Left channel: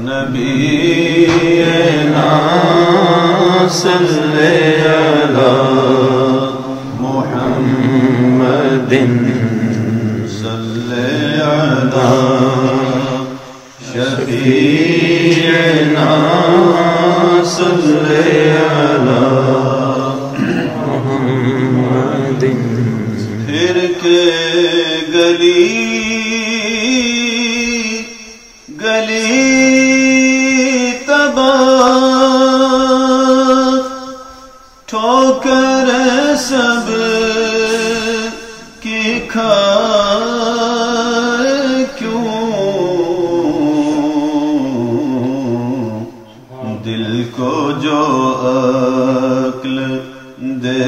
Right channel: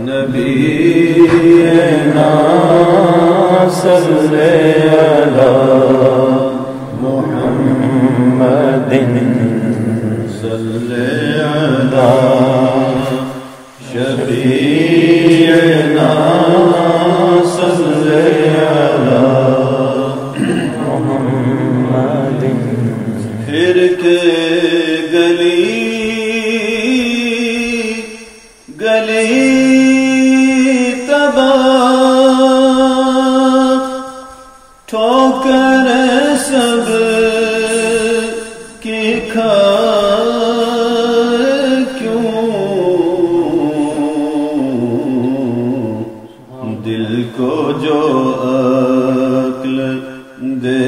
نبينا صلی علی محمد صلی علی شفیعنا صلی علی محمد پھر کے گلی ٹھوکر سب کی کھائے کیوں دل کو جو عقل دے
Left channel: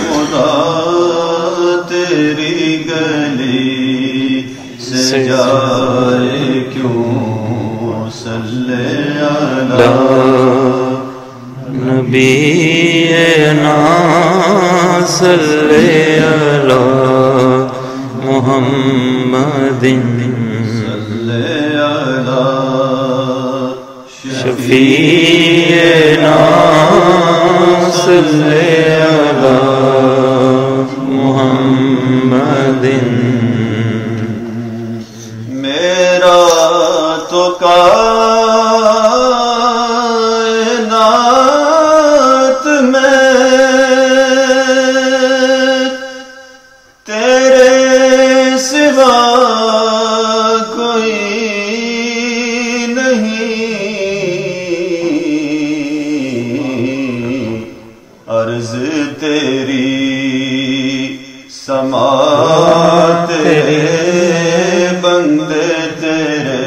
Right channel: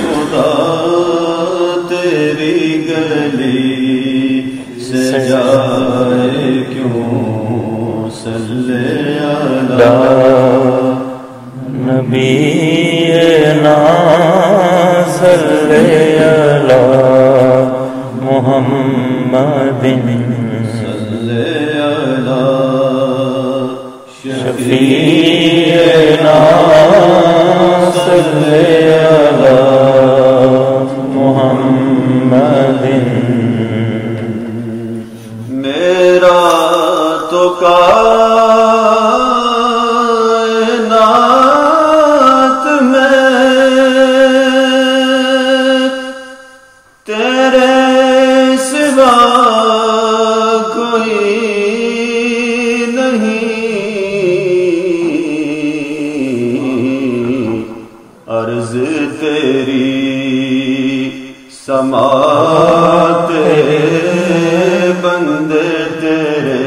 خدا تیری گلی سے جائے کیوں صلی علی نبینا صلی علی محمد صلی علی شفیعنا صلی علی محمد میرا تو کائنات میں تیرے سوا کوئی نہیں عرض تیری سماعت بندے تیرے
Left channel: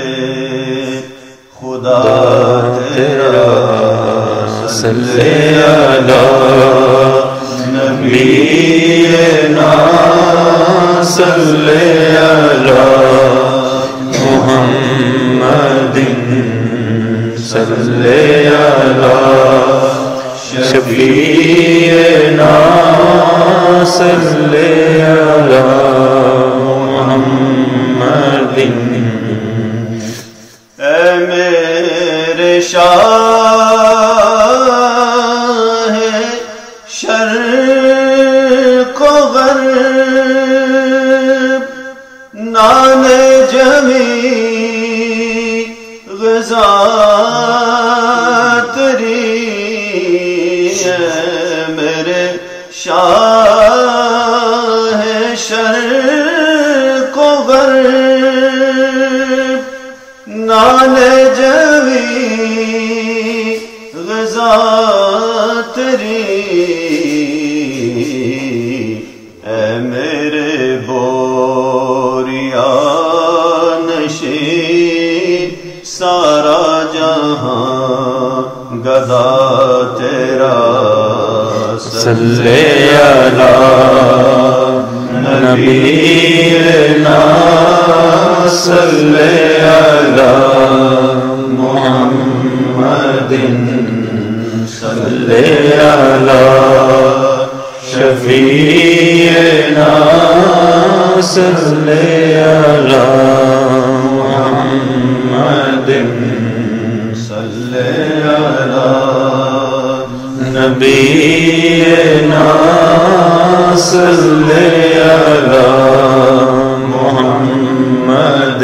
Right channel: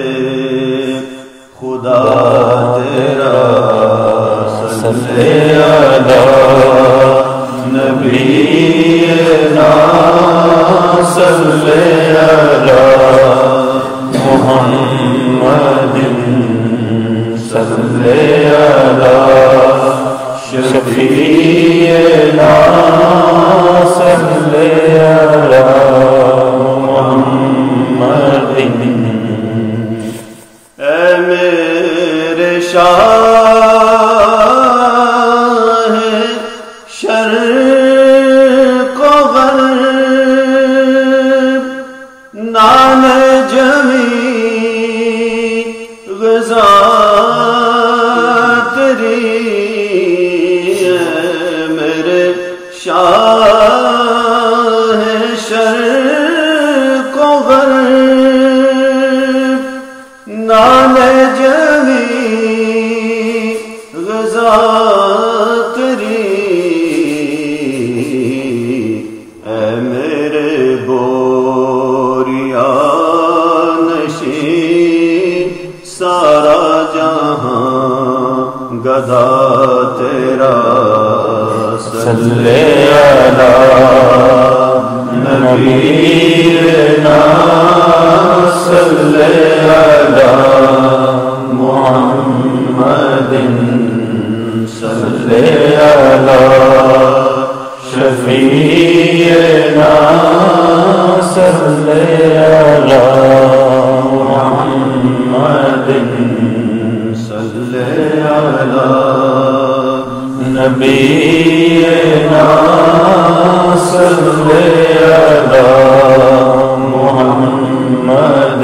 خدا تیرا صلی علی نبینا صلی علی محمد صلی علی شفیعنا صلی علی محمد اے میرے شاہ شرق و غرب نام جمی غذا تیری میرے شاہ شرق و غرب نام جمی غذا تیری اے میرے بوریا نشین سارا جہاں گدا تیرا صلی علی نبینا صلی علی محمد صلی علی شفیعنا صلی علی محمد صلی علی نبینا صلی علی محمد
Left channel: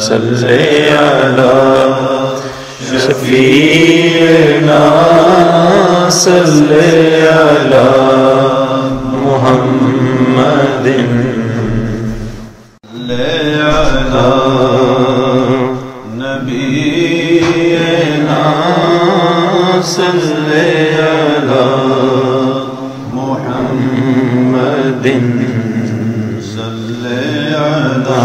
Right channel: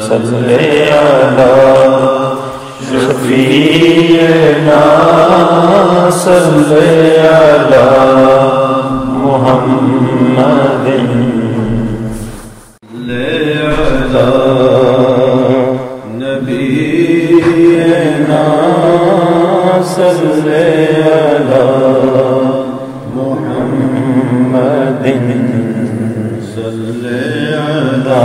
صلی علی شفیعنا صلی علی محمد نبینا صلی علی محمد صلی علی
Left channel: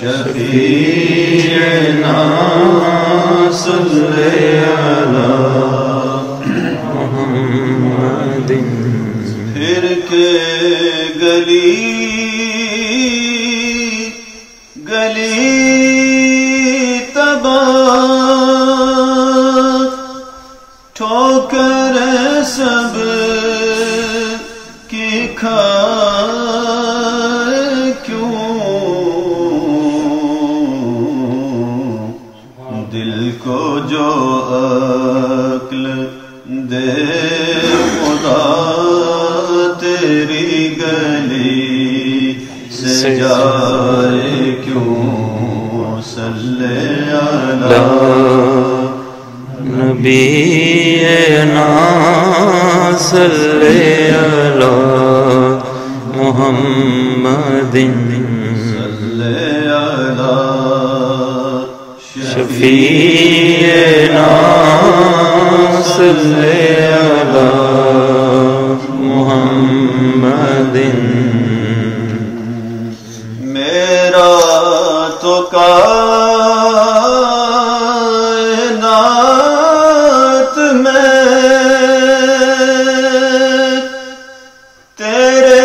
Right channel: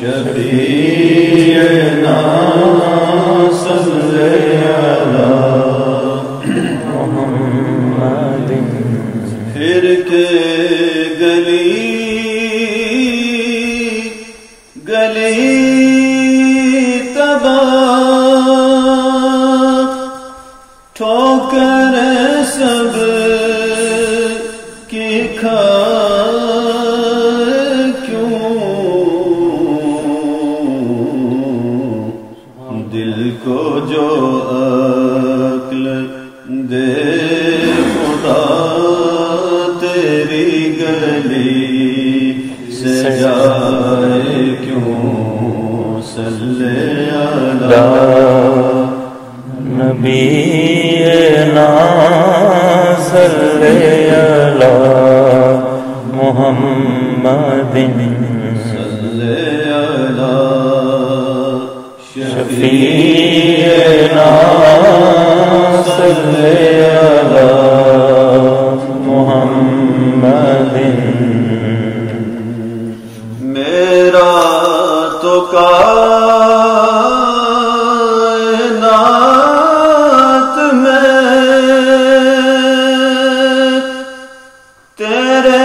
شفیعنا صلی علی محمد پھر کے گلی ٹھوکر سب کی کھائے محمد صلی علی شفیعنا صلی علی محمد میرا تو کائنات میں تیرے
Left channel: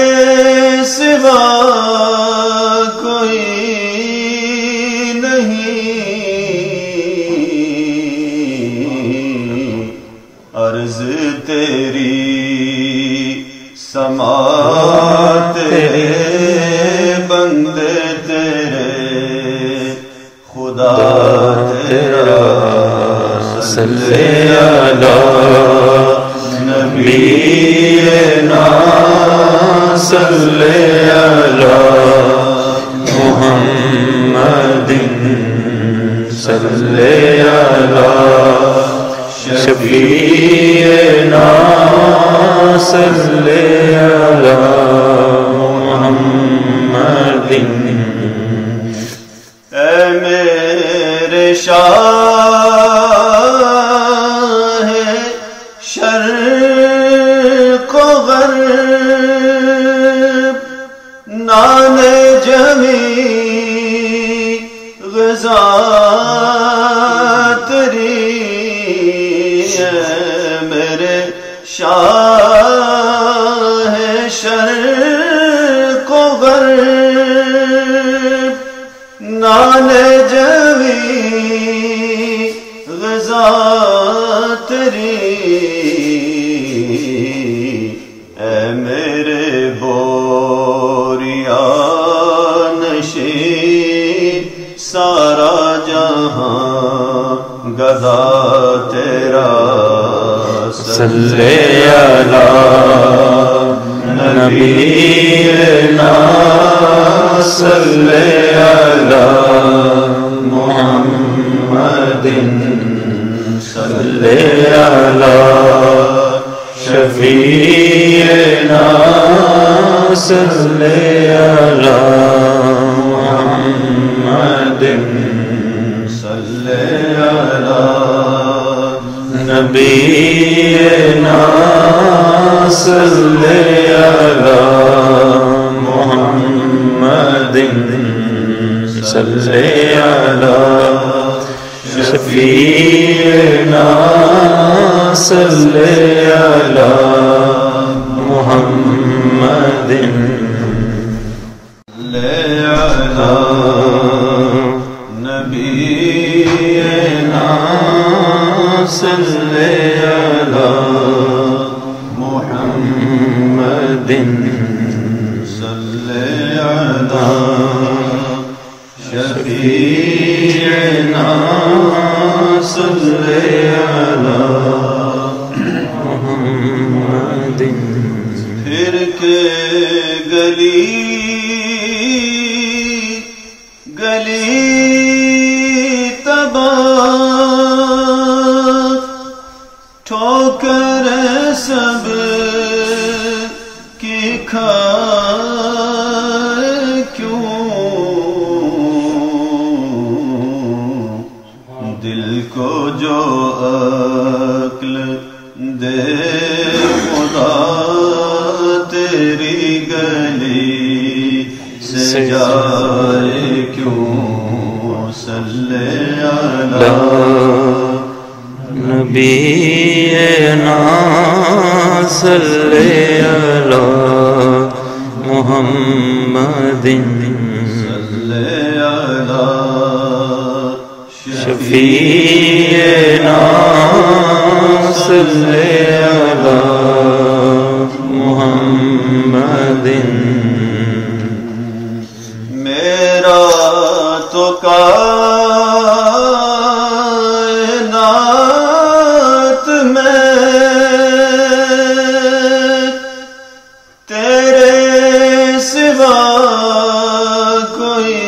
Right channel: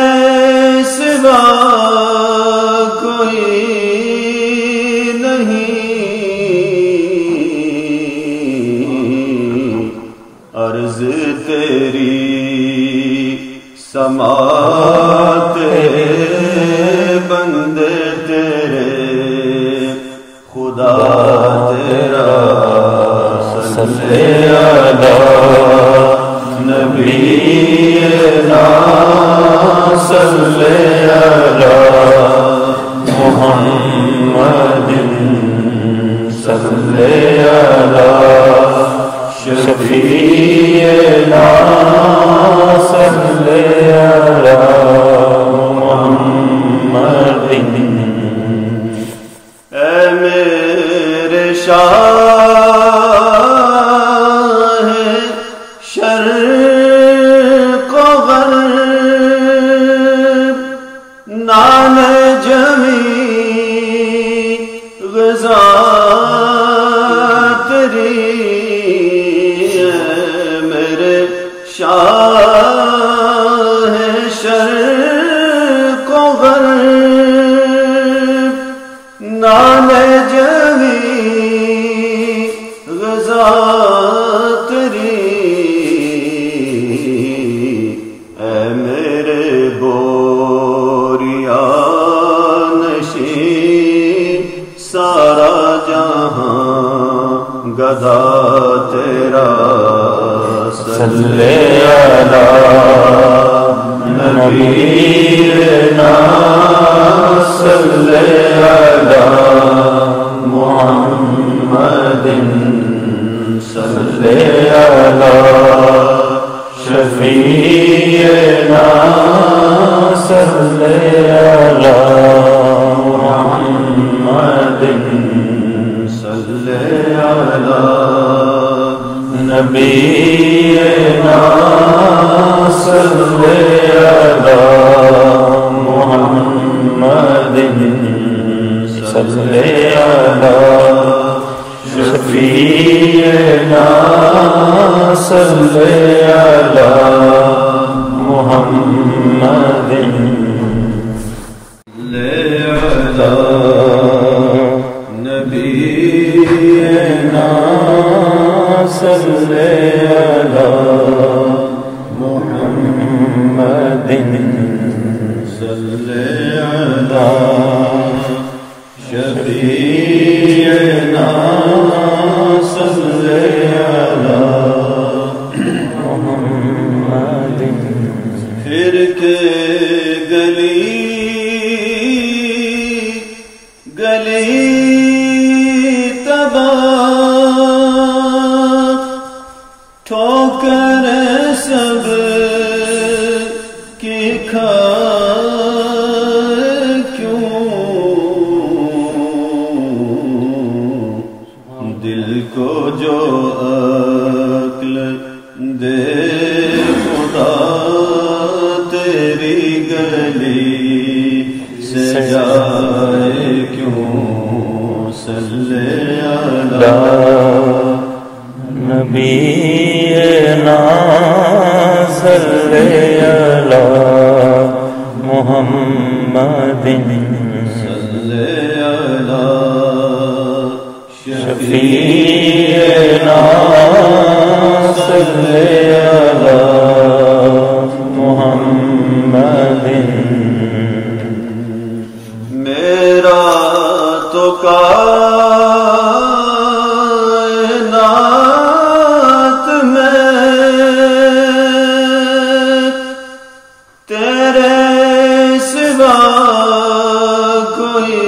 سوا کوئی نہیں، عرض تیری سماعت بندے تیرے خدا تیرا صلی علی نبینا صلی علی محمد صلی علی شفیعنا صلی علی محمد اے میرے شاہ شرق و غرب، نام جمی غذا تیری، میرے شاہ شرق و غرب، نام جمی غذا تیری، اے میرے بوریا نشین سارا جہاں گدا تیرا صلی علی نبینا صلی علی محمد صلی علی شفیعنا صلی علی محمد صلی علی نبینا صلی علی محمد صلی علی شفیعنا صلی علی محمد نبینا صلی علی محمد صلی علی شفیعنا صلی علی محمد پھر کے گلی گلی تباہ، ٹھوکر سب کی کھائے کیوں، دل کو جو عقل دے خدا تیری گلی سے جائے کیوں، صلی علی نبینا صلی علی محمد صلی علی شفیعنا صلی علی محمد میرا تو کائنات میں تیرے سوا کوئی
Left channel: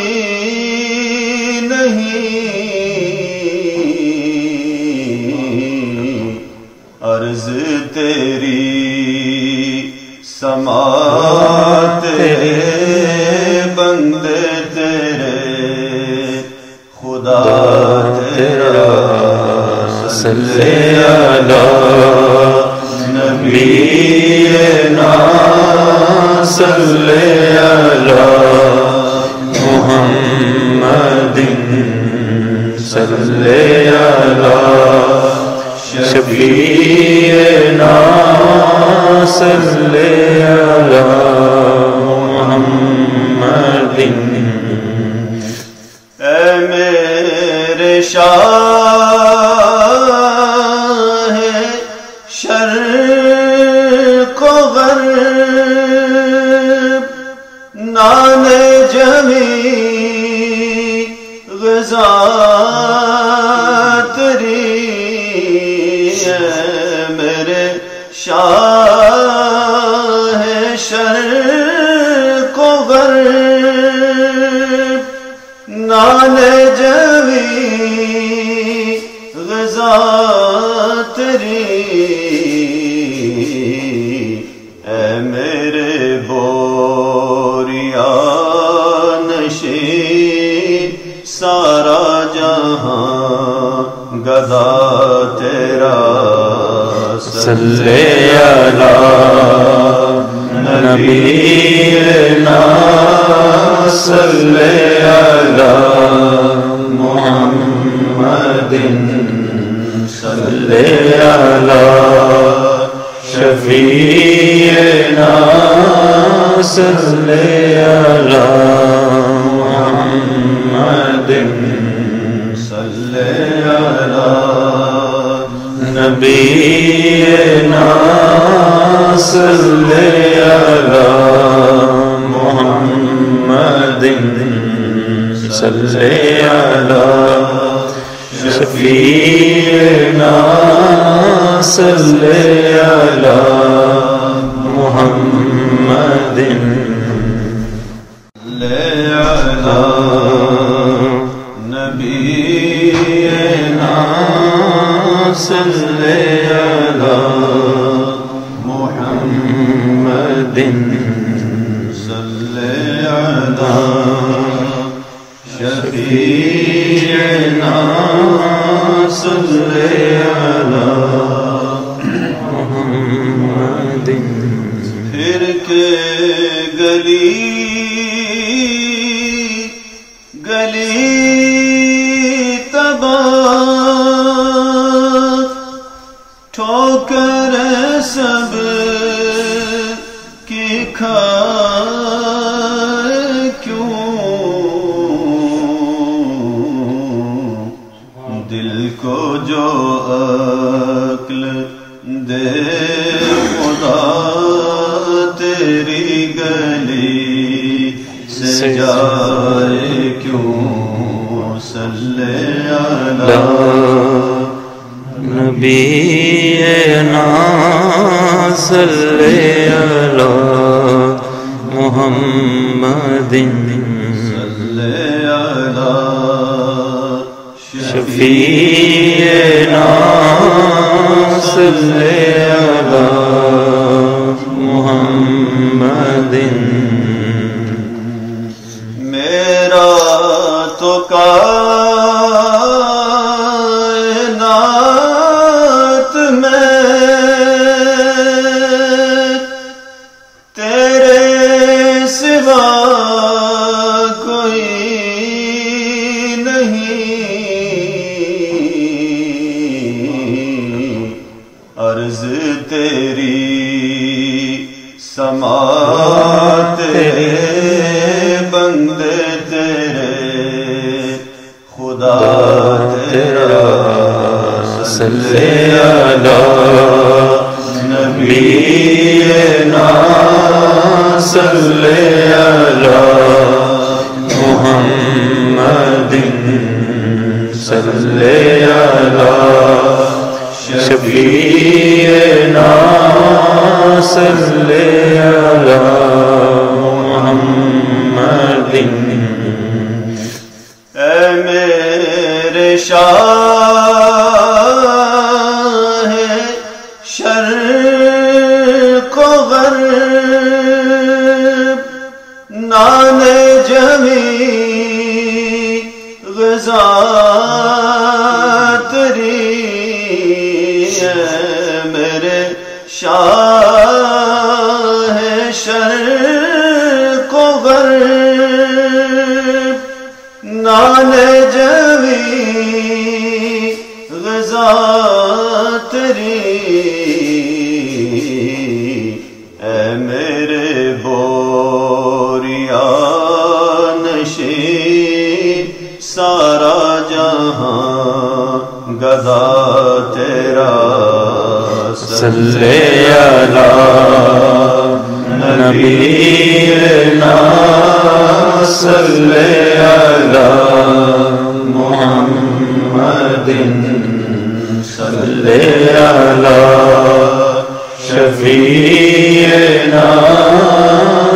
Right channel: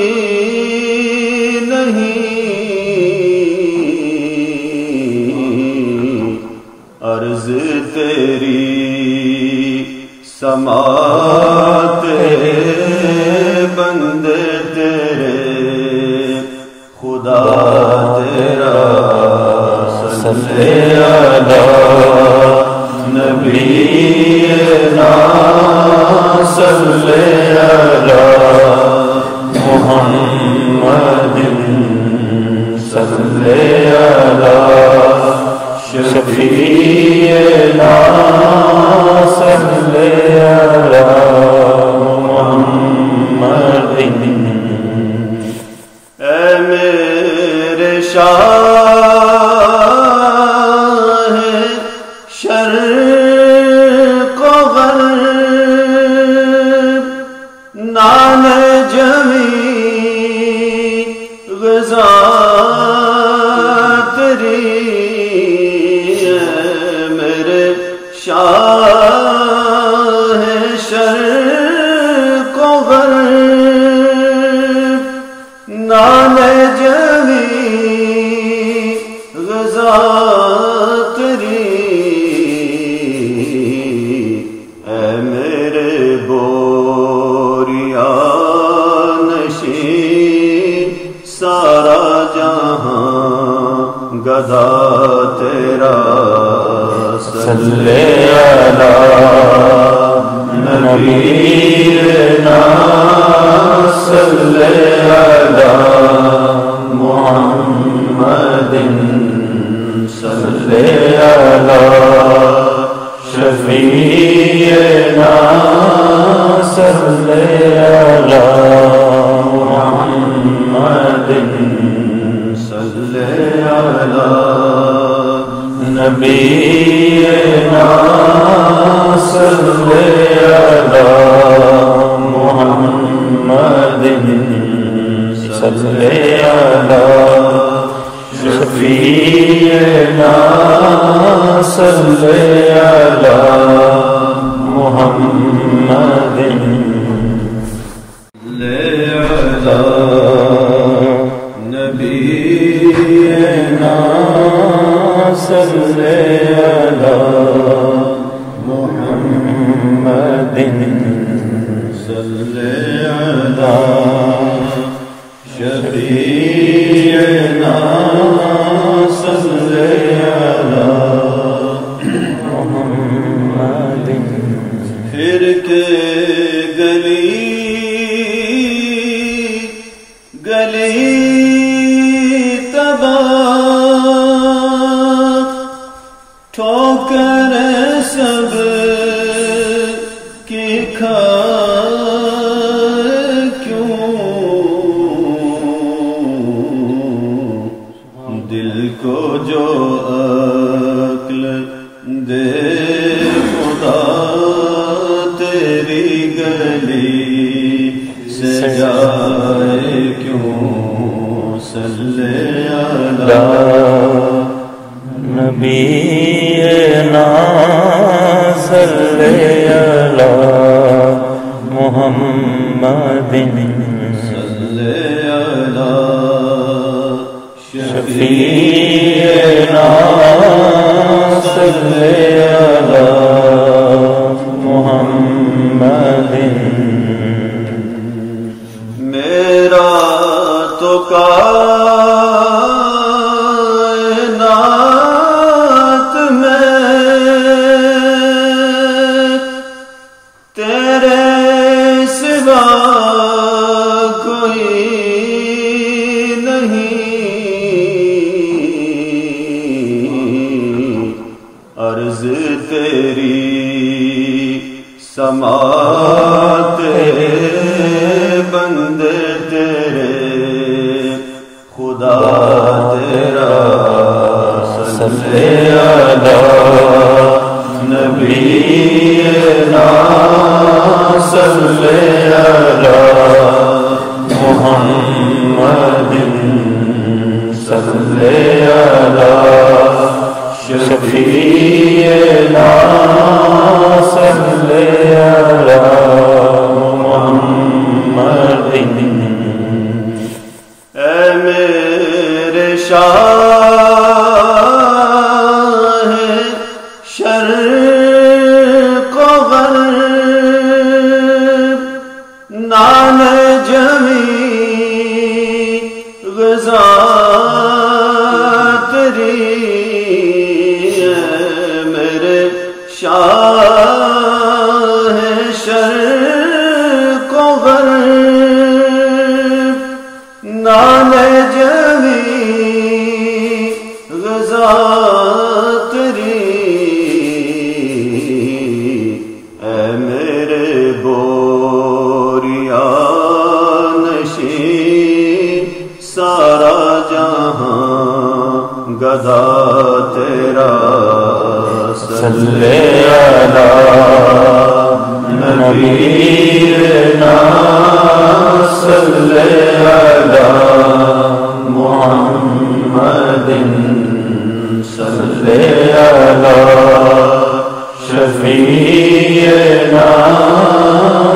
نہیں، عرض تیری سماعت بندے تیرے خدا تیرا صلی علی نبینا صلی علی محمد صلی علی شفیعنا صلی علی محمد اے میرے شاہ شرق و غرب نام جمی غذا تیری میرے شاہ شرق و غرب نام جمی غذا تیری اے میرے بوریا نشین سارا جہاں گدا تیرا صلی علی نبینا صلی علی محمد صلی علی شفیعنا صلی علی محمد صلی علی نبینا صلی علی محمد صلی علی شفیعنا صلی علی محمد نبینا صلی علی محمد صلی علی شفیعنا صلی علی محمد پھر کے گلی گلی تباہ ٹھوکر سب کی کھائے کیوں دل کو جو عقل دے خدا تیری گلی سے جائے کیوں صلی علی نبینا صلی علی محمد صلی علی شفیعنا صلی علی محمد میرا تو کائنات میں تیرے سوا کوئی نہیں عرض تیری سماعت بندے تیرے خدا تیرا صلی علی نبینا صلی علی محمد صلی علی شفیعنا صلی علی محمد اے میرے شاہ شرق و غرب نان جمی غذا تیری میرے شاہ شرق و غرب نان جمی غذا تیری اے میرے بوریا نشین سارا جہاں گدا تیرا صلی علی نبینا صلی علی محمد صلی علی شفیعنا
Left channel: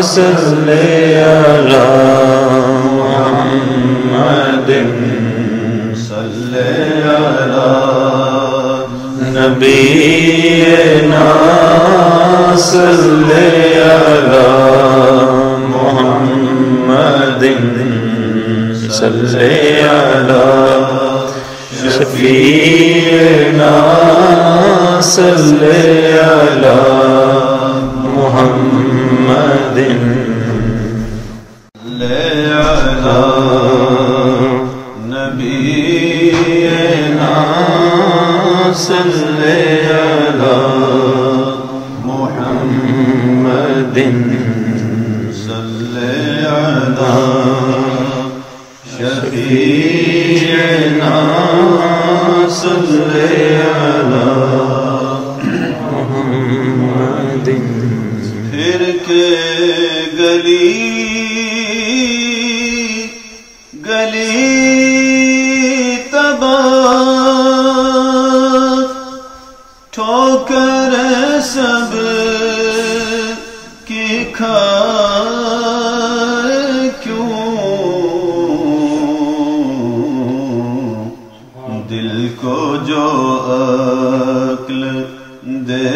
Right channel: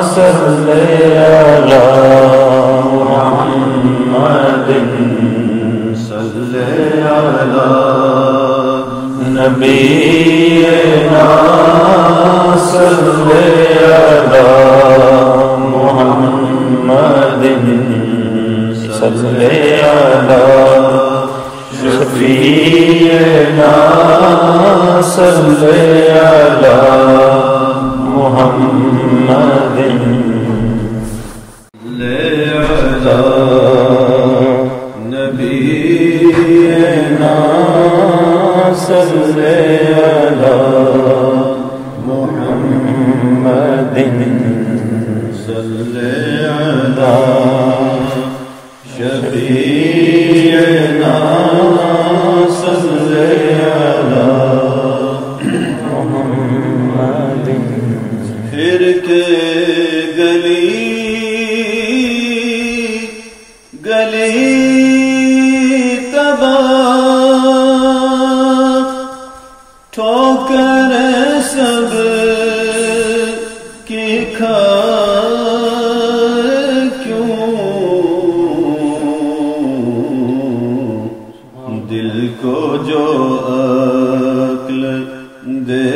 صلی علی محمد صلی علی نبینا صلی علی محمد صلی علی شفیعنا صلی علی محمد نبینا صلی علی محمد صلی علی شفیعنا صلی علی محمد پھر کے گلی گلی تباہ ٹھوکر سب کی کھائے کیوں دل کو جو عقل دے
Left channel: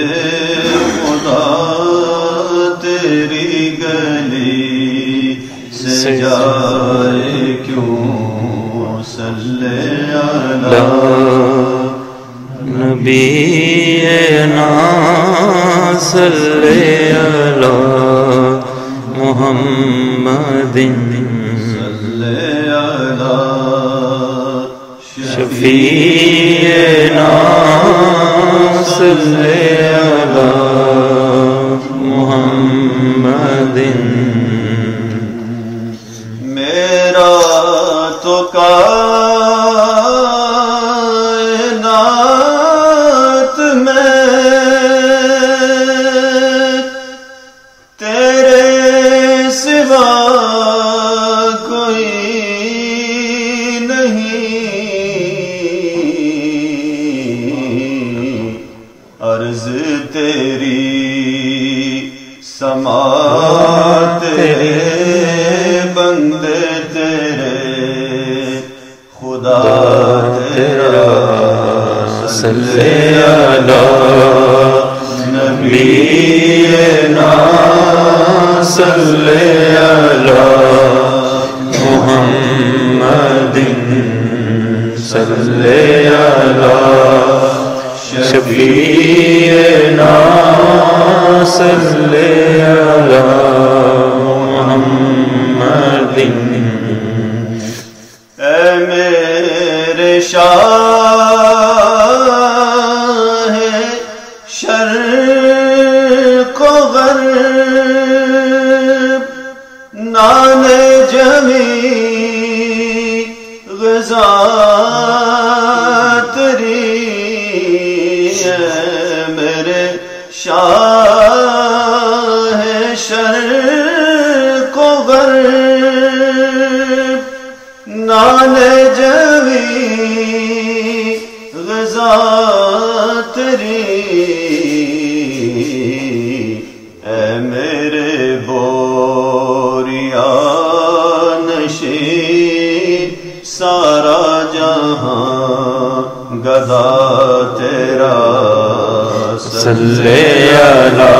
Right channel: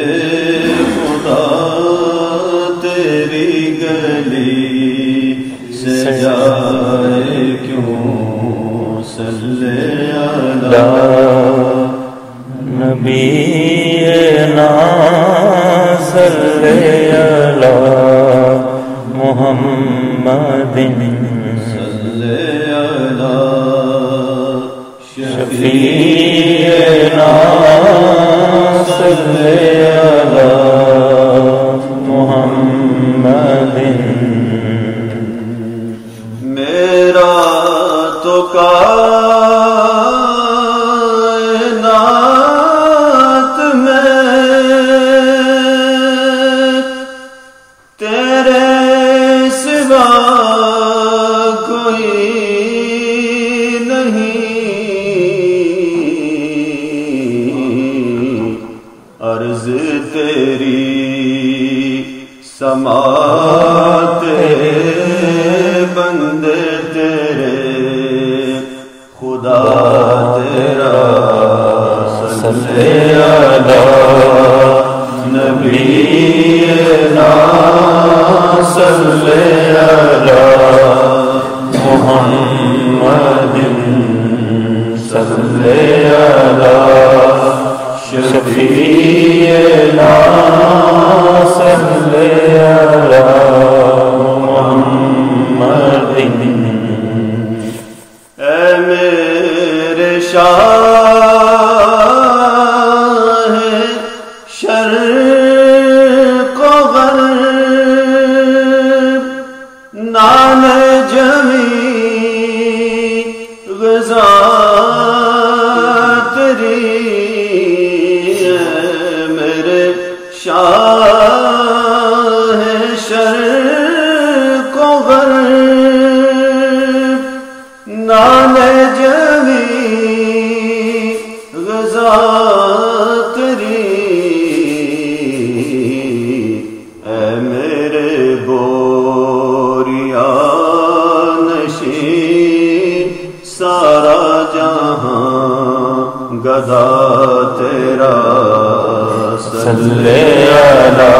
خدا تیری گلی سے جائے کیوں صلی علی نبینا صلی علی محمد صلی علی شفیعنا صلی علی محمد میرا تو کائنات میں تیرے سوا کوئی نہیں عرض تیری سماعت بندے تیرے خدا تیرا صلی علی نبینا صلی علی محمد صلی علی شفیعنا صلی علی محمد اے میرے شاہ شرق و غرب نان جمی غذا تیری میرے شاہ شرق و غرب نان جمی غذا تیری اے میرے بوریا نشین سارا جہاں گدا تیرا صلی علی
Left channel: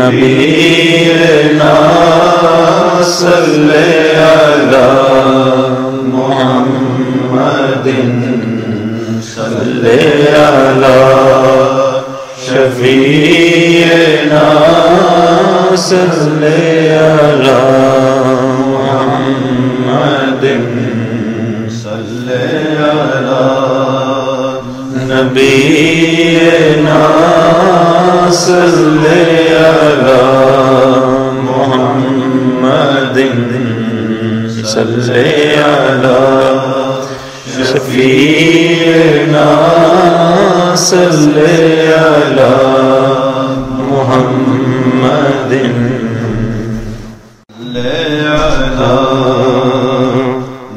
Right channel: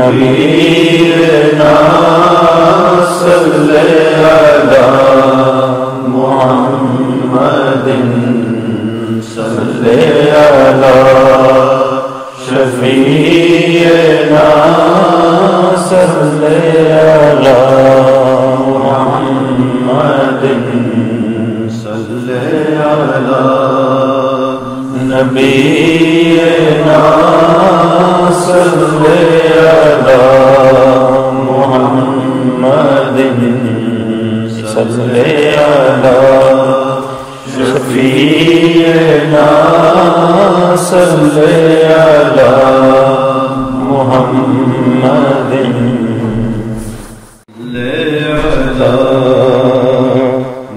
نبینا صل على محمد صل على شفيعنا صل على محمد صل على نبينا صل على محمد صل على شفيعنا صل على محمد صل على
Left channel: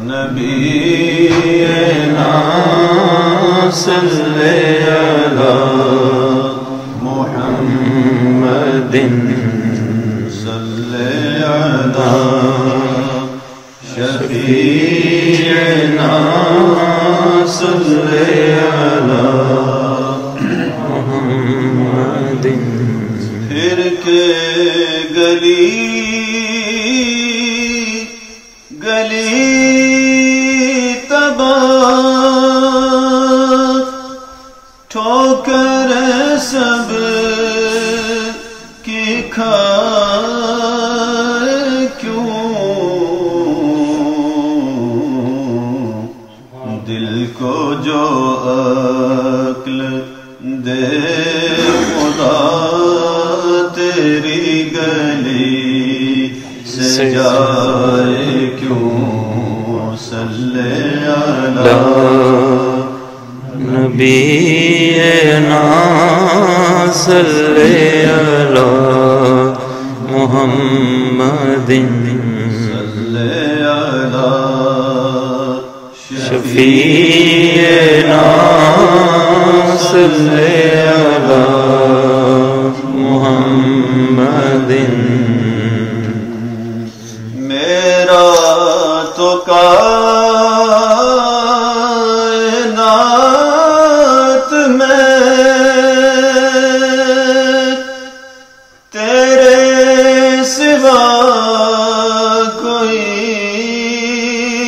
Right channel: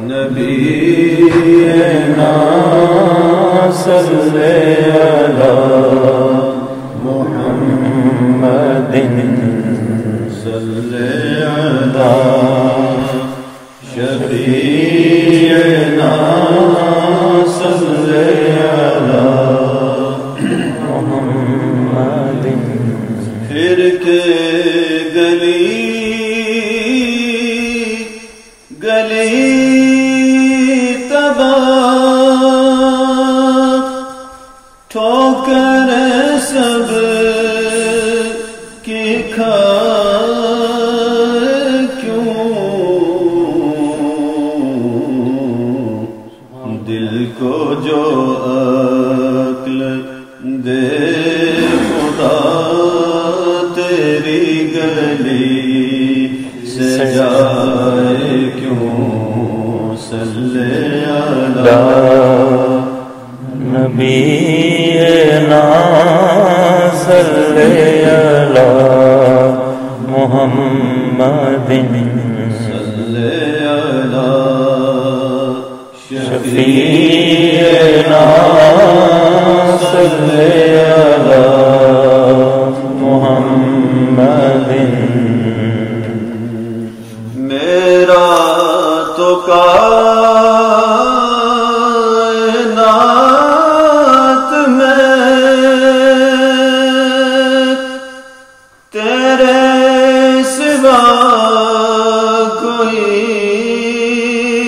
نبينا صل على محمد صل على شفيعنا صل على محمد پھر کے گلی گلی تباہ ٹھوکر سب کی کھائے کیوں دل کو جو عقل دے خدا تیری گلی سے جائے کیوں صلی علی نبینا صل علی محمد صلی علی شفیعنا صل علی محمد میرا تو کائنات میں تیرے سوا کوئی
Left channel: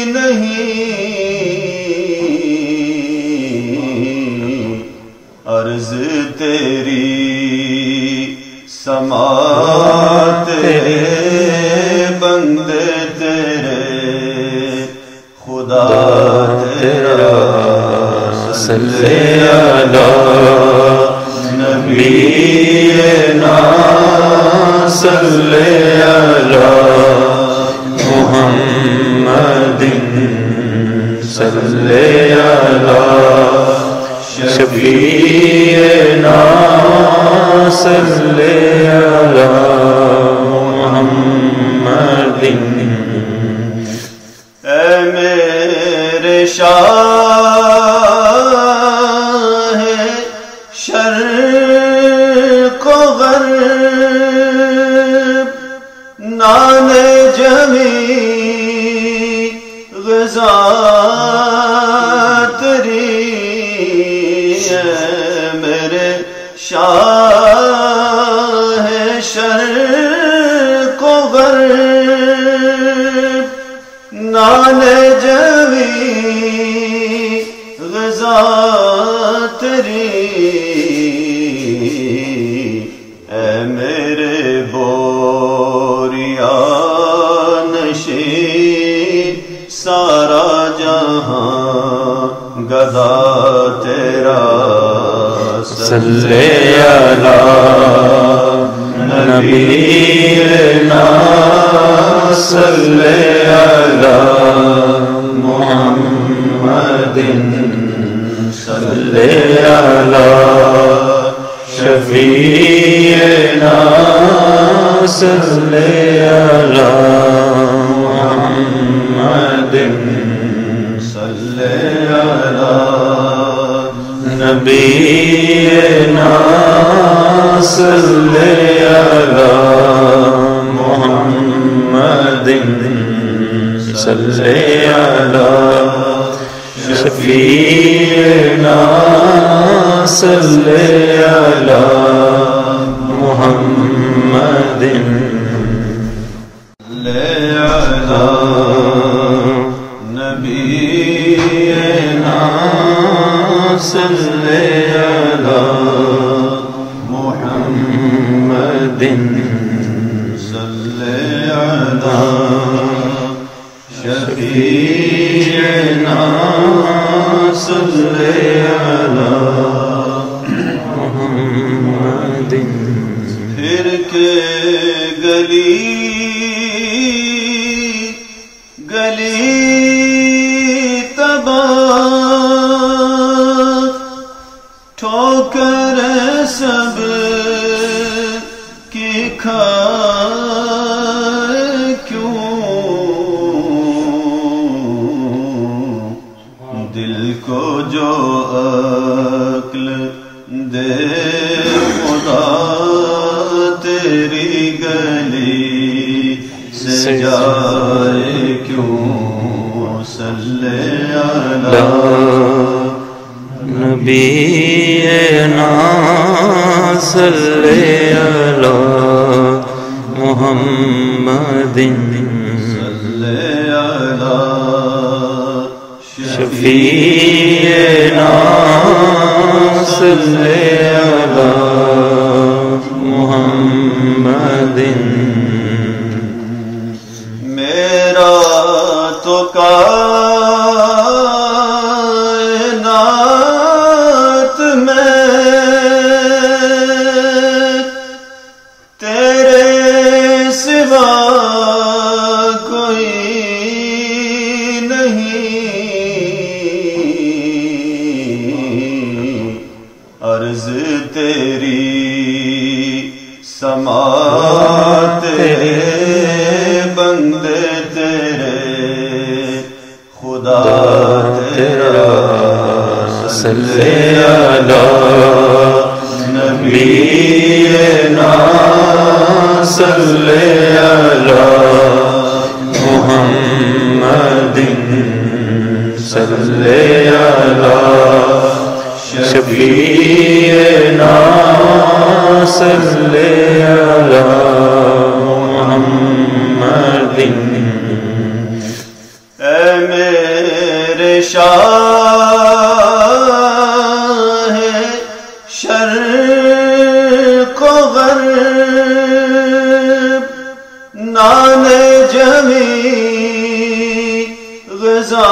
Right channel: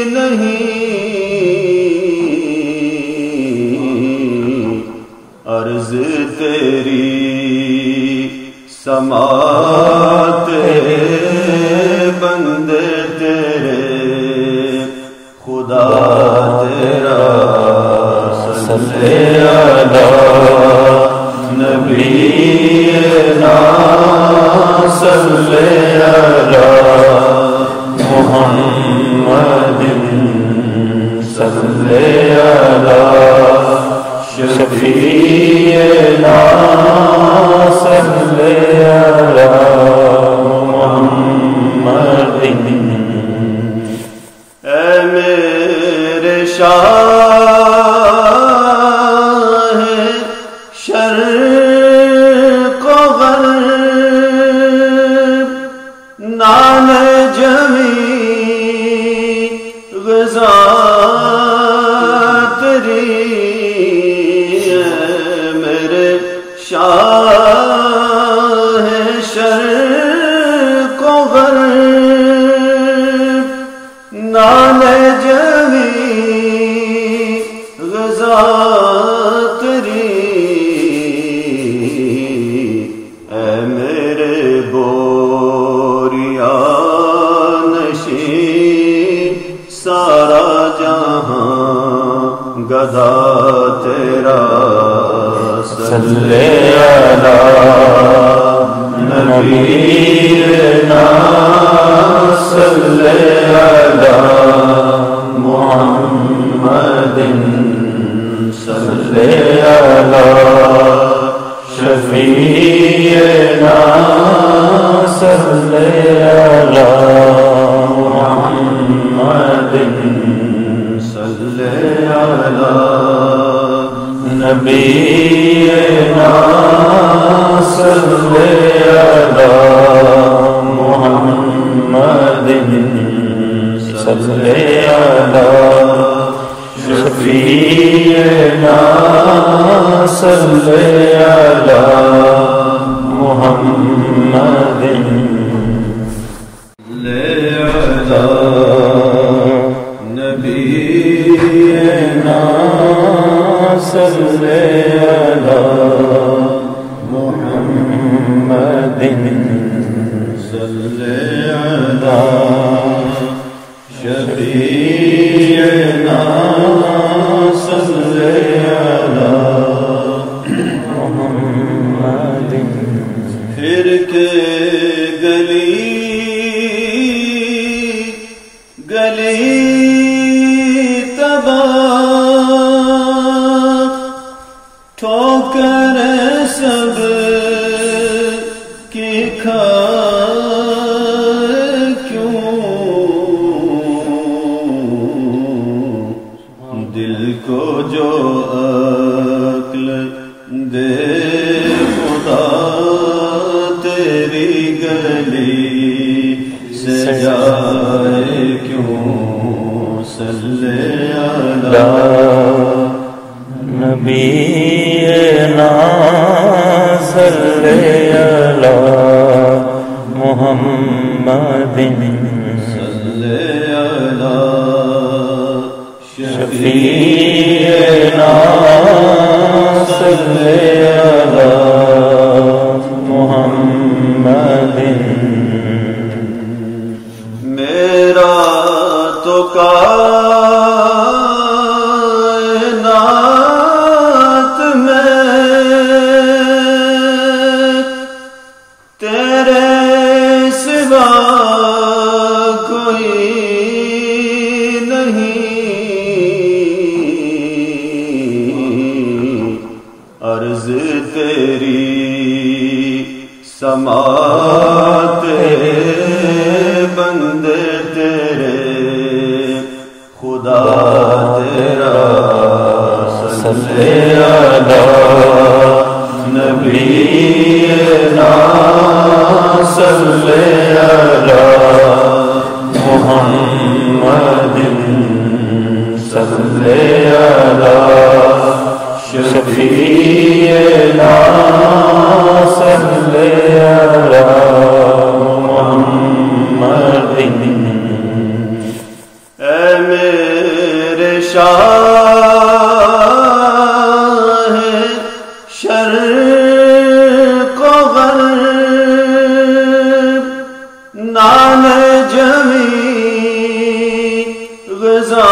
نہیں عرض تیری سماعت بندے تیرے خدا تیرا صل علی نبینا صل علی محمد صل علی شفیعنا صل علی محمد اے میرے شاہ شرق و غرب نام جمی غذا تیری اے میرے شاہ شرق و غرب نام جمی غذا تیری اے میرے بوریا نشین سارا جہاں گدا تیرا صل علی نبینا صل علی محمد صل علی شفیعنا صل علی محمد صل علی نبینا صل علی محمد صل علی شفیعنا صل علی محمد شفیعنا صلی علی محمد پھر کے گلی گلی تباہ ٹھوکر سب کی کھائے کیوں دل کو جو عقل دے خدا تیری گلی سے جائے کیوں صلی علی نبینا صلی علی محمد صلی علی شفیعنا صلی علی محمد میرا تو کائنات میں تیرے سوا کوئی نہیں عرض تیری سماعت بندے تیرے خدا تیرا صلی علی نبینا صلی علی محمد صلی علی شفیعنا صلی علی محمد اے میرے شاہ شرق و غرب نام جمی غزا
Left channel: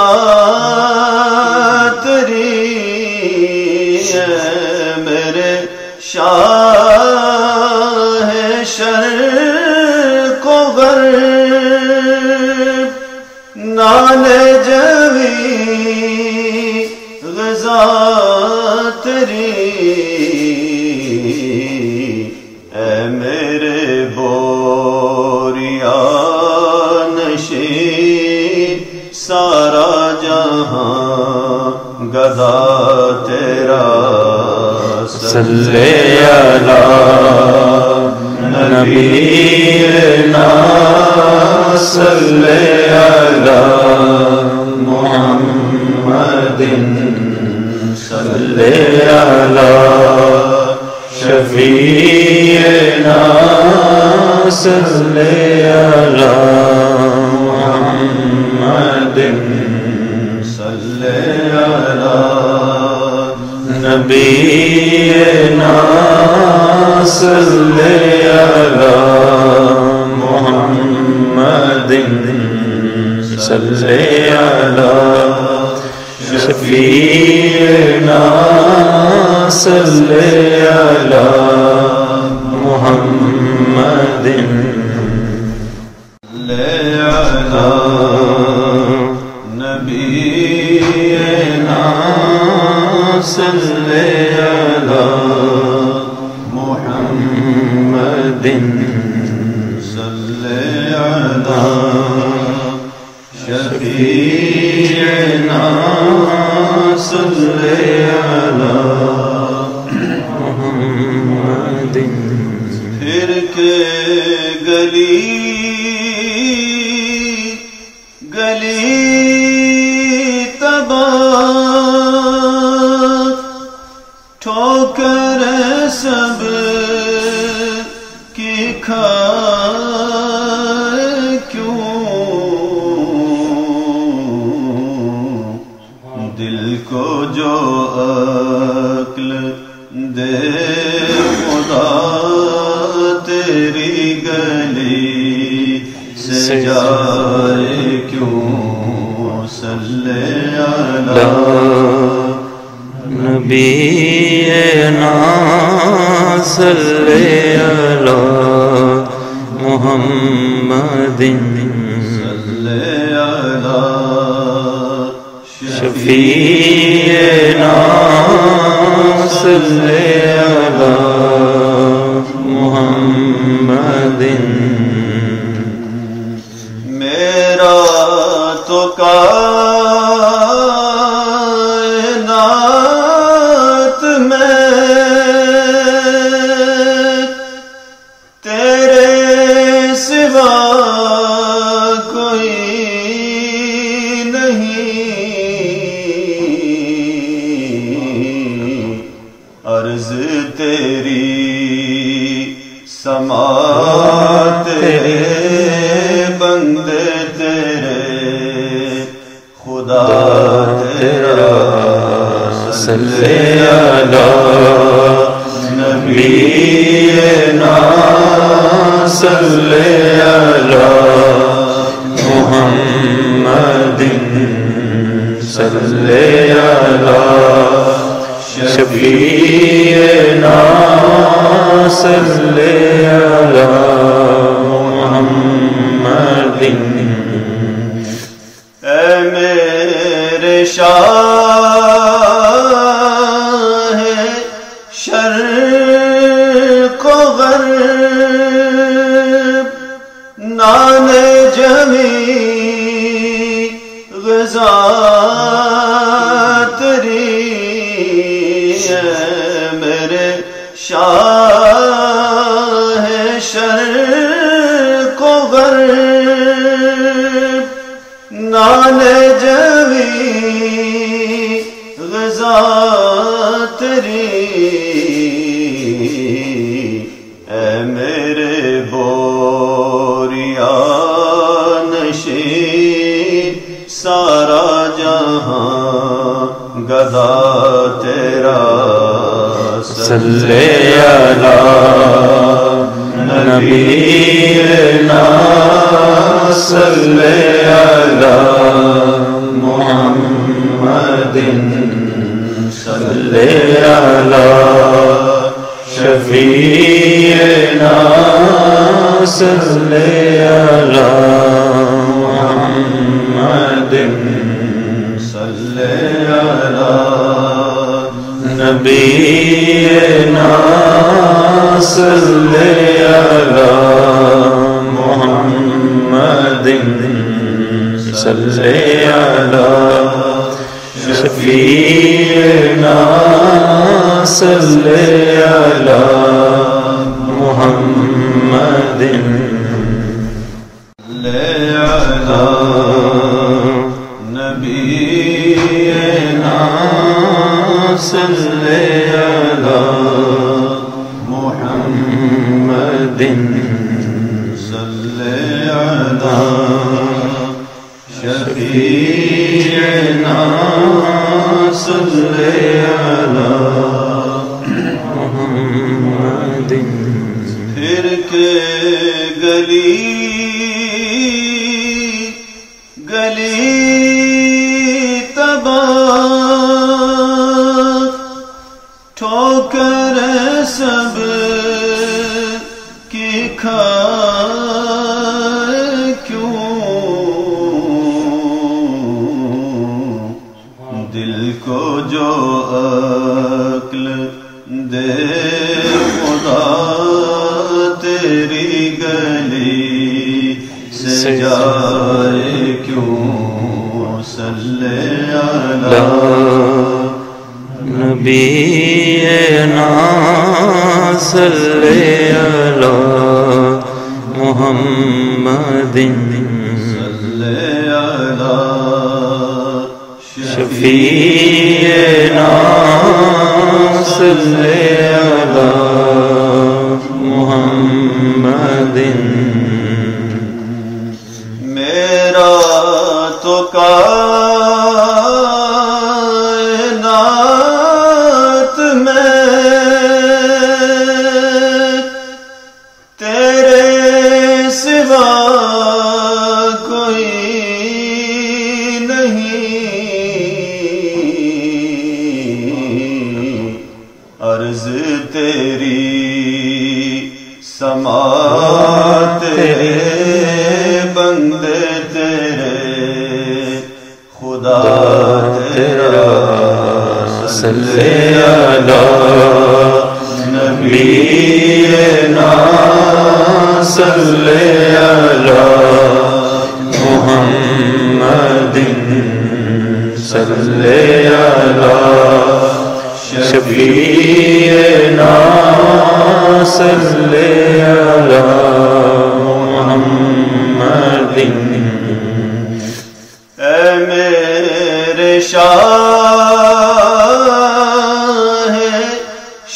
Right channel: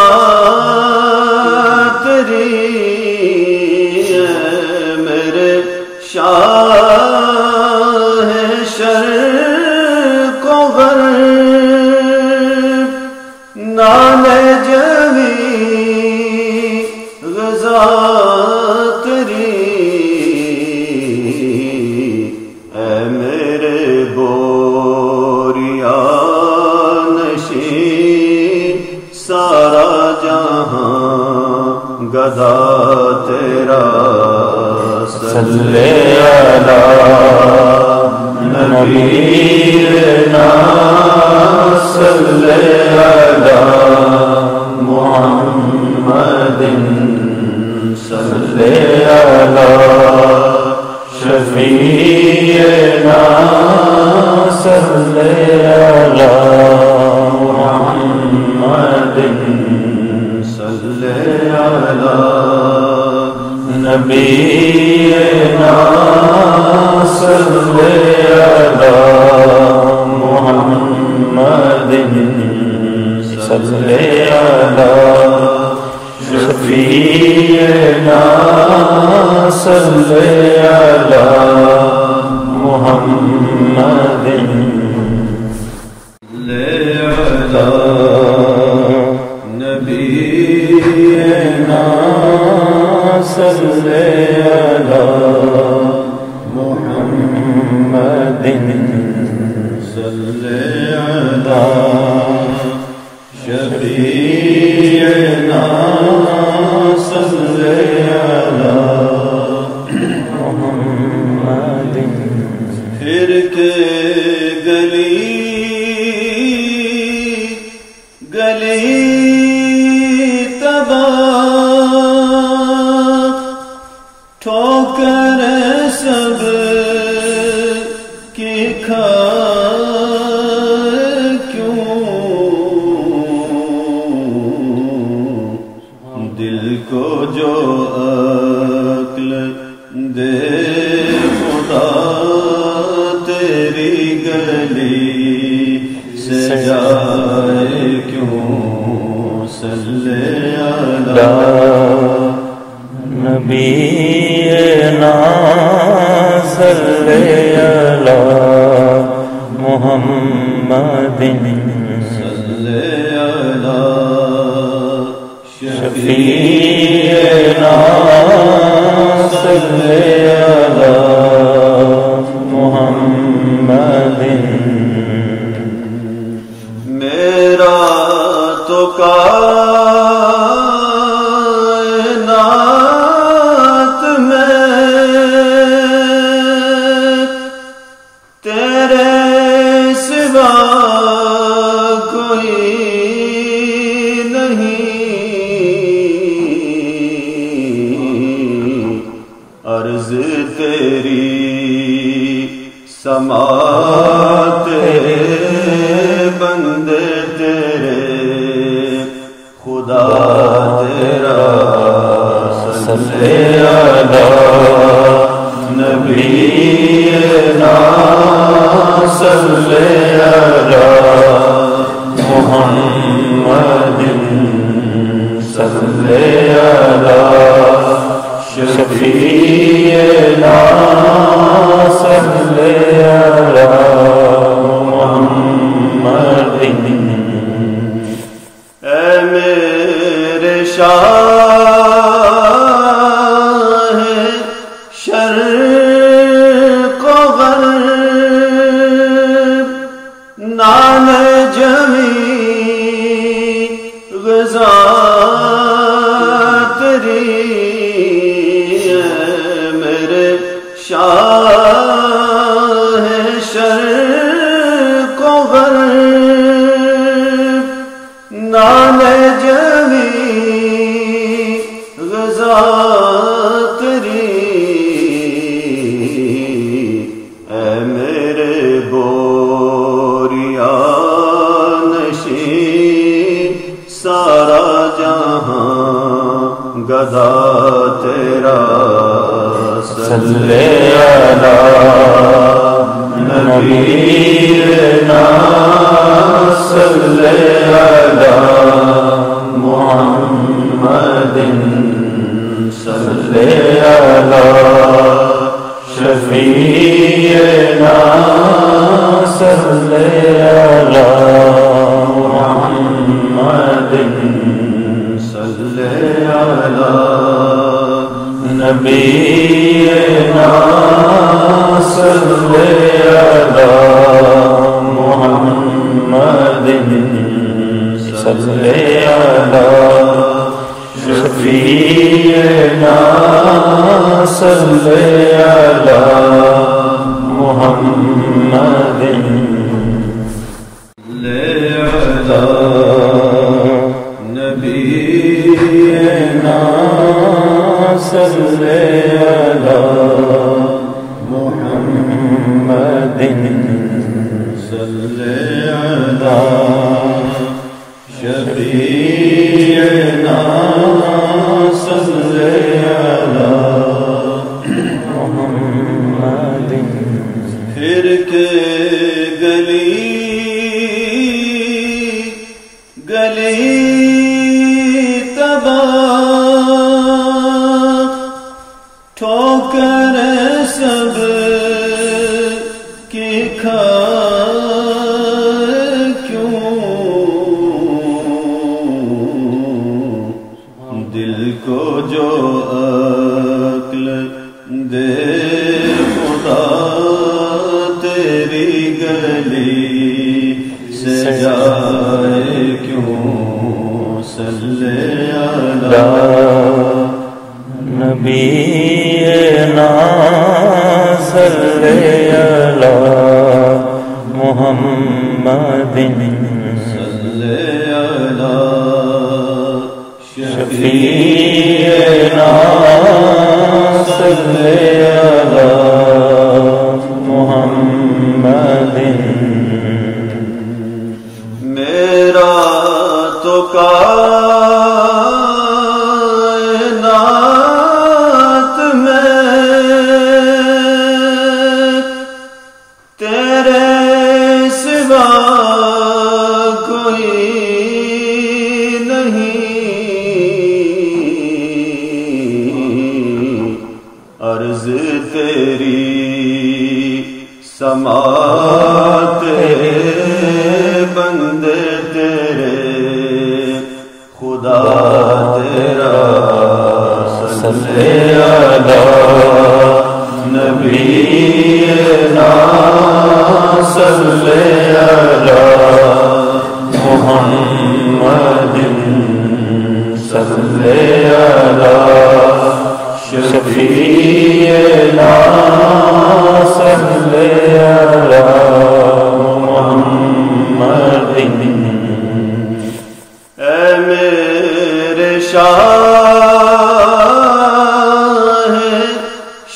تیری میرے شاہ شرق و غرب نام جمی غزا تیری اے میرے بوریا نشین سارا جہاں گدا تیرا صلی علی نبینا صلی علی محمد صلی علی شفیعنا صلی علی محمد صلی علی نبینا صلی علی محمد صلی علی شفیعنا صلی علی محمد نبینا صلی علی محمد صلی علی شفیعنا صلی علی محمد پھر کے گلی گلی تباہ ٹھوکر سب کی کھائے کیوں دل کو جو عقل دے خدا تیری گلی سے جائے کیوں علی نبینا صلی علی محمد شفیعنا صلی علی محمد میرا تو کائنات میں تیرے سوا کوئی نہیں، عرض تیری سماعت بندے تیرے خدا تیرا صلی علی نبینا صلی علی محمد صلی علی شفیعنا صلی علی محمد اے میرے شاہ شرق و غرب، نام جمی غذا تیری، اے میرے شاہ شرق و غرب، نام جمی غذا تیری، اے میرے بوریا نشین سارا جہاں گدا تیرا صلی علی نبینا صلی علی محمد صلی علی شفیعنا صلی علی محمد صلی علی نبینا صلی علی محمد صلی علی شفیعنا صلی علی محمد نبینا صلی علی محمد صلی علی شفیعنا صلی علی محمد پھر کے گلی گلی تباہ ٹھوکر سب کی کھائے کیوں، دل کو جو عقل دے خدا تیری گلی سے جائے کیوں، صلی علی نبینا صلی علی محمد صلی علی شفیعنا صلی علی محمد میرا تو کائنات میں تیرے سوا کوئی نہیں، صلی علی محمد صلی علی شفیعنا صلی علی محمد اے میرے شاہ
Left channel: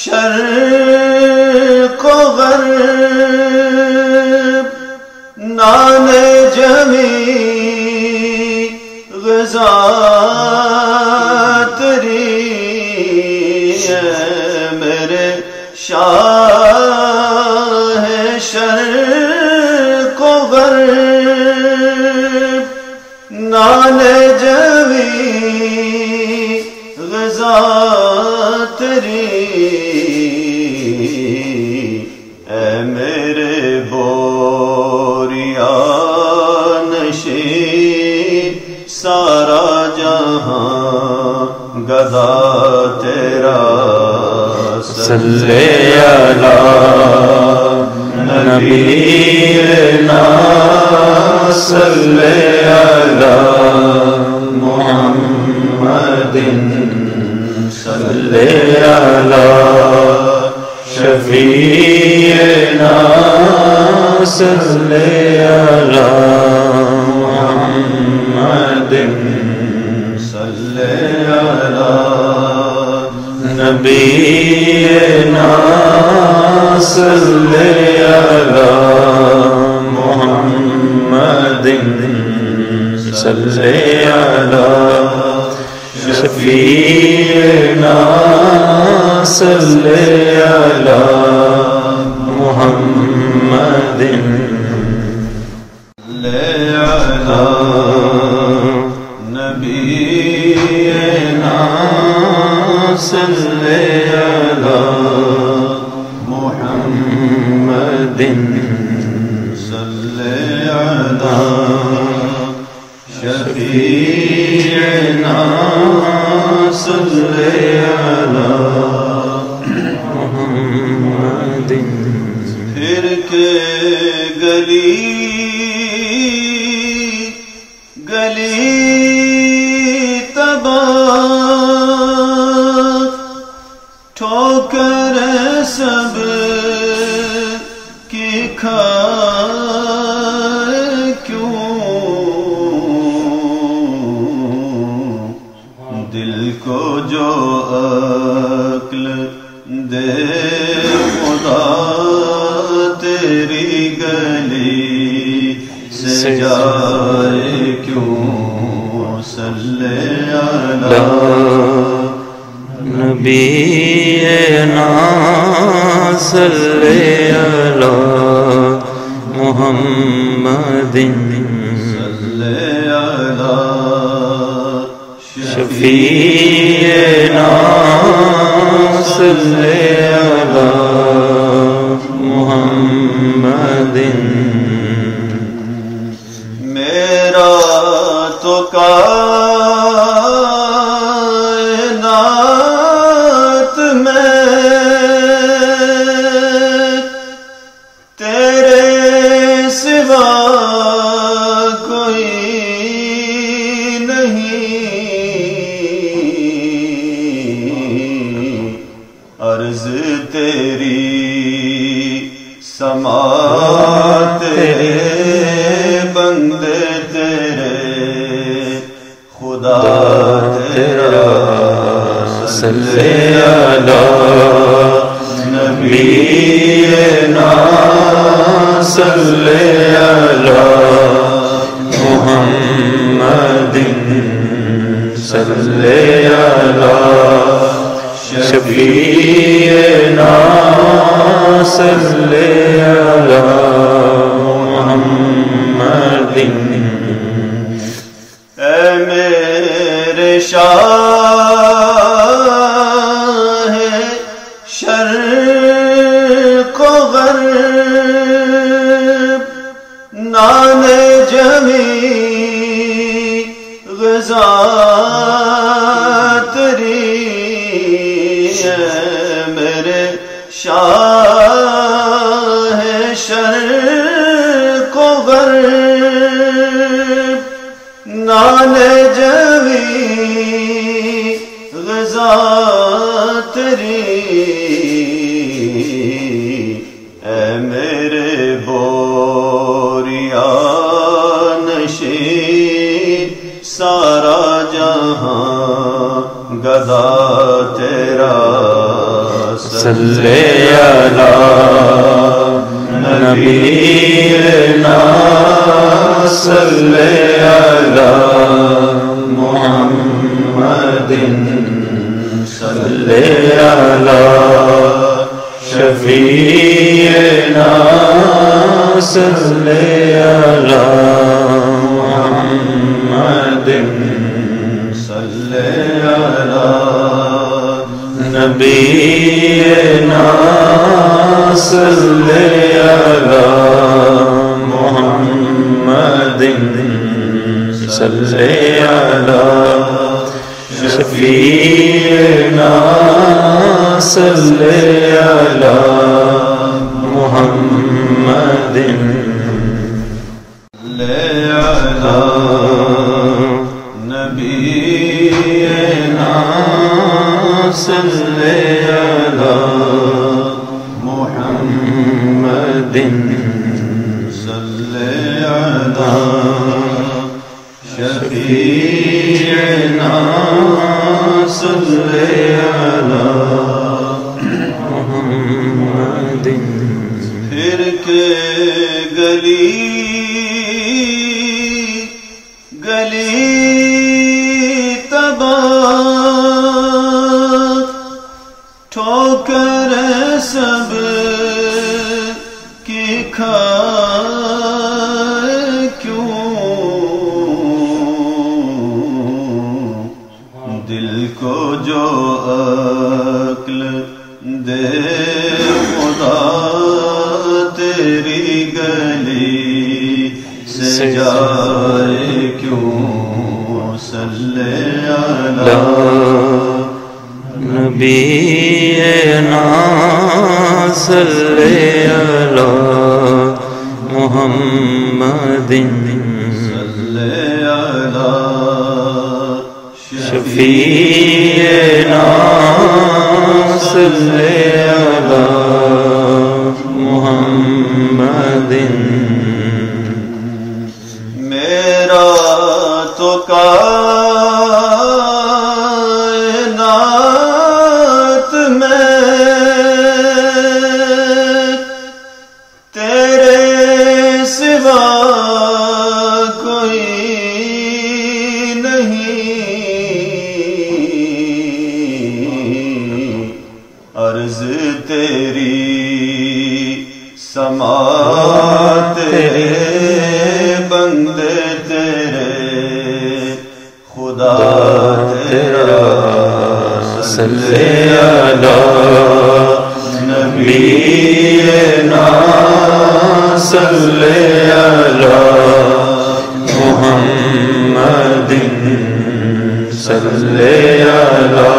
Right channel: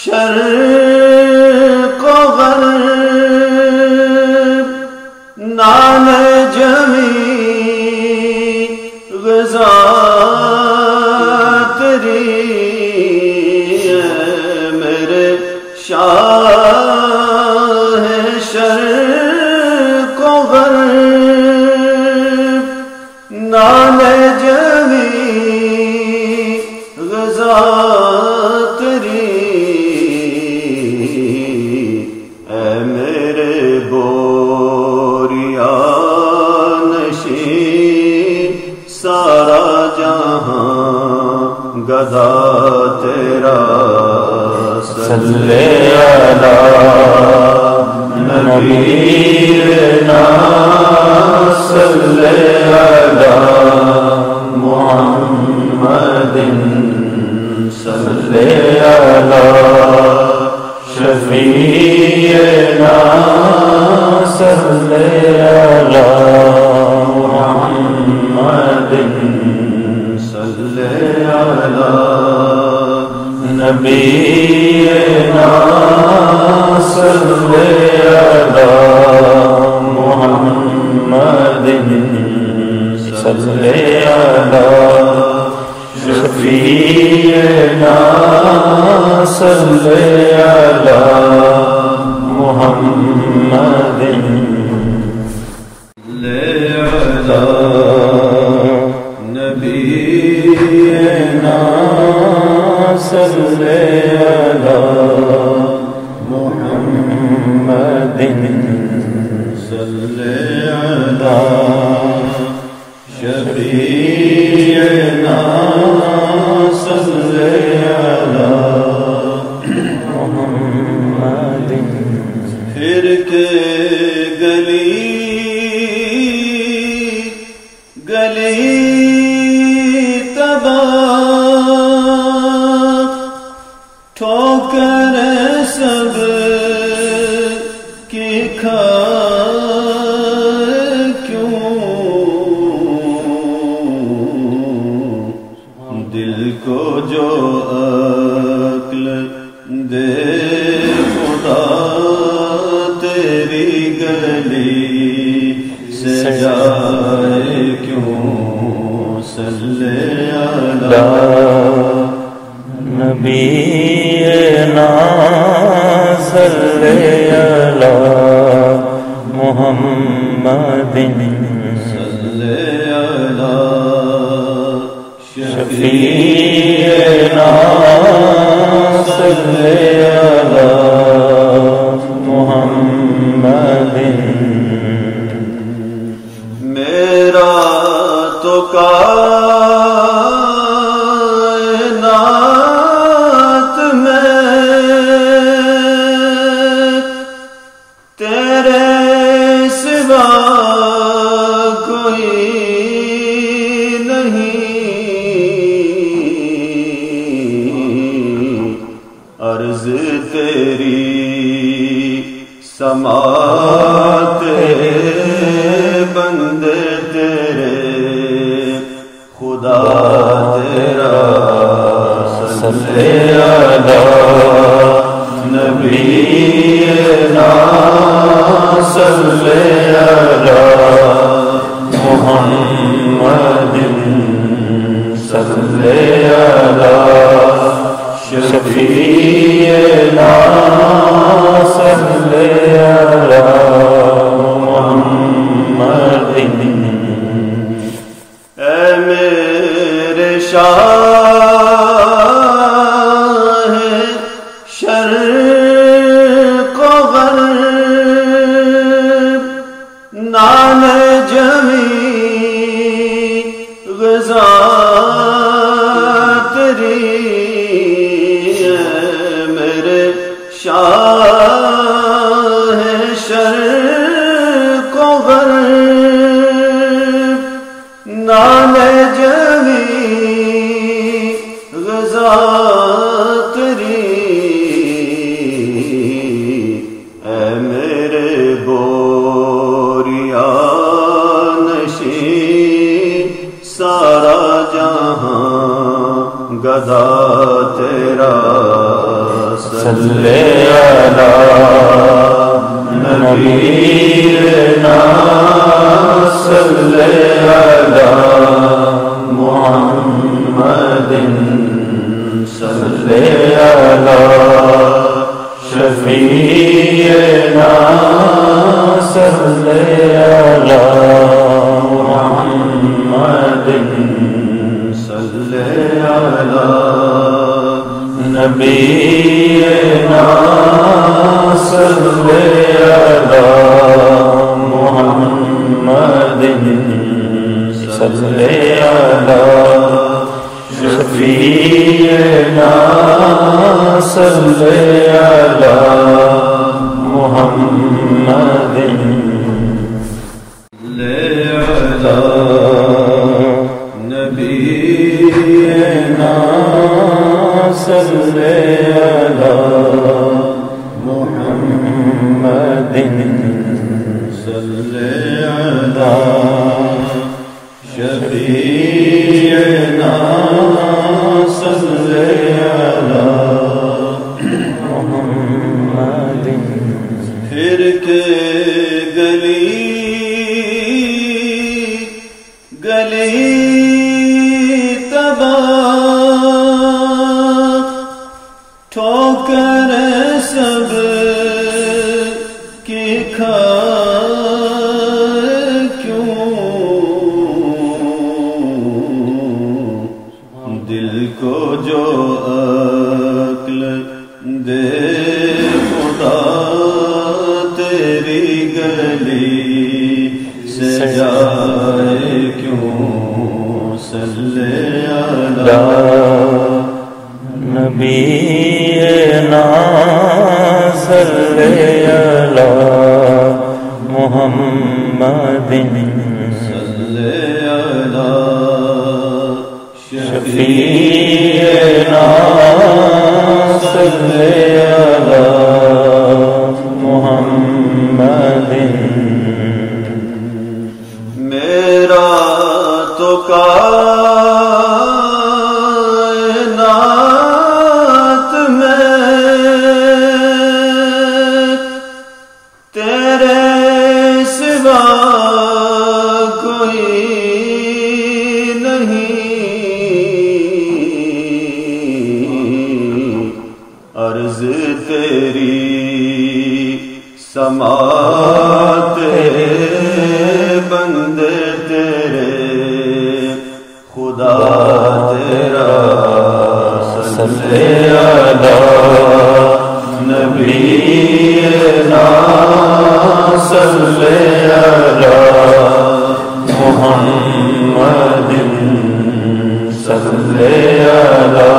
شرق و غرب نام جمی غذا تری میرے شاہ شرق و غرب نام جمی غذا تری اے میرے بوریا نشین سارا جہاں گدا تیرا صلی علی نبینا صلی علی محمد صلی علی شفیعنا صلی علی محمد صلی علی نبینا صلی علی محمد صلی علی شفیعنا صلی علی محمد نبینا صلی علی محمد صلی علی شفیعنا صلی علی محمد پھر کے گلی گلی تباہ ٹھوکر سب کی کھائے کیوں دل کو جو عقل دے خدا تیری گلی سے جائے کیوں صلی علی نبینا صلی علی محمد صلی علی شفیعنا صلی علی محمد میرا تو کائنات میں تیرے سوا کوئی نہیں عرض تیری سماعت بندے تیرے خدا تیرا صلی علی نبینا صلی علی محمد صلی علی شفیعنا صلی علی محمد اے میرے شاہ شرق و غرب نام جمی غذا تری میرے شاہ شرق صلی علی نبینا صلی علی محمد صلی علی شفیعنا صلی علی محمد صلی علی نبینا صلی علی محمد صلی علی شفیعنا صلی علی محمد نبینا صلی علی محمد صلی علی شفیعنا صلی علی محمد پھر کے گلی گلی تباہ ٹھوکر سب کی کھائے کیوں دل کو جو عقل دے خدا تیری گلی سے جائے کیوں صلی علی نبینا صلی علی محمد صلی علی شفیعنا صلی علی محمد میرا تو کائنات میں تیرے سوا کوئی نہیں عرض تیری سماعت بندے تیرے خدا تیرا صلی علی نبینا صلی علی محمد صلی علی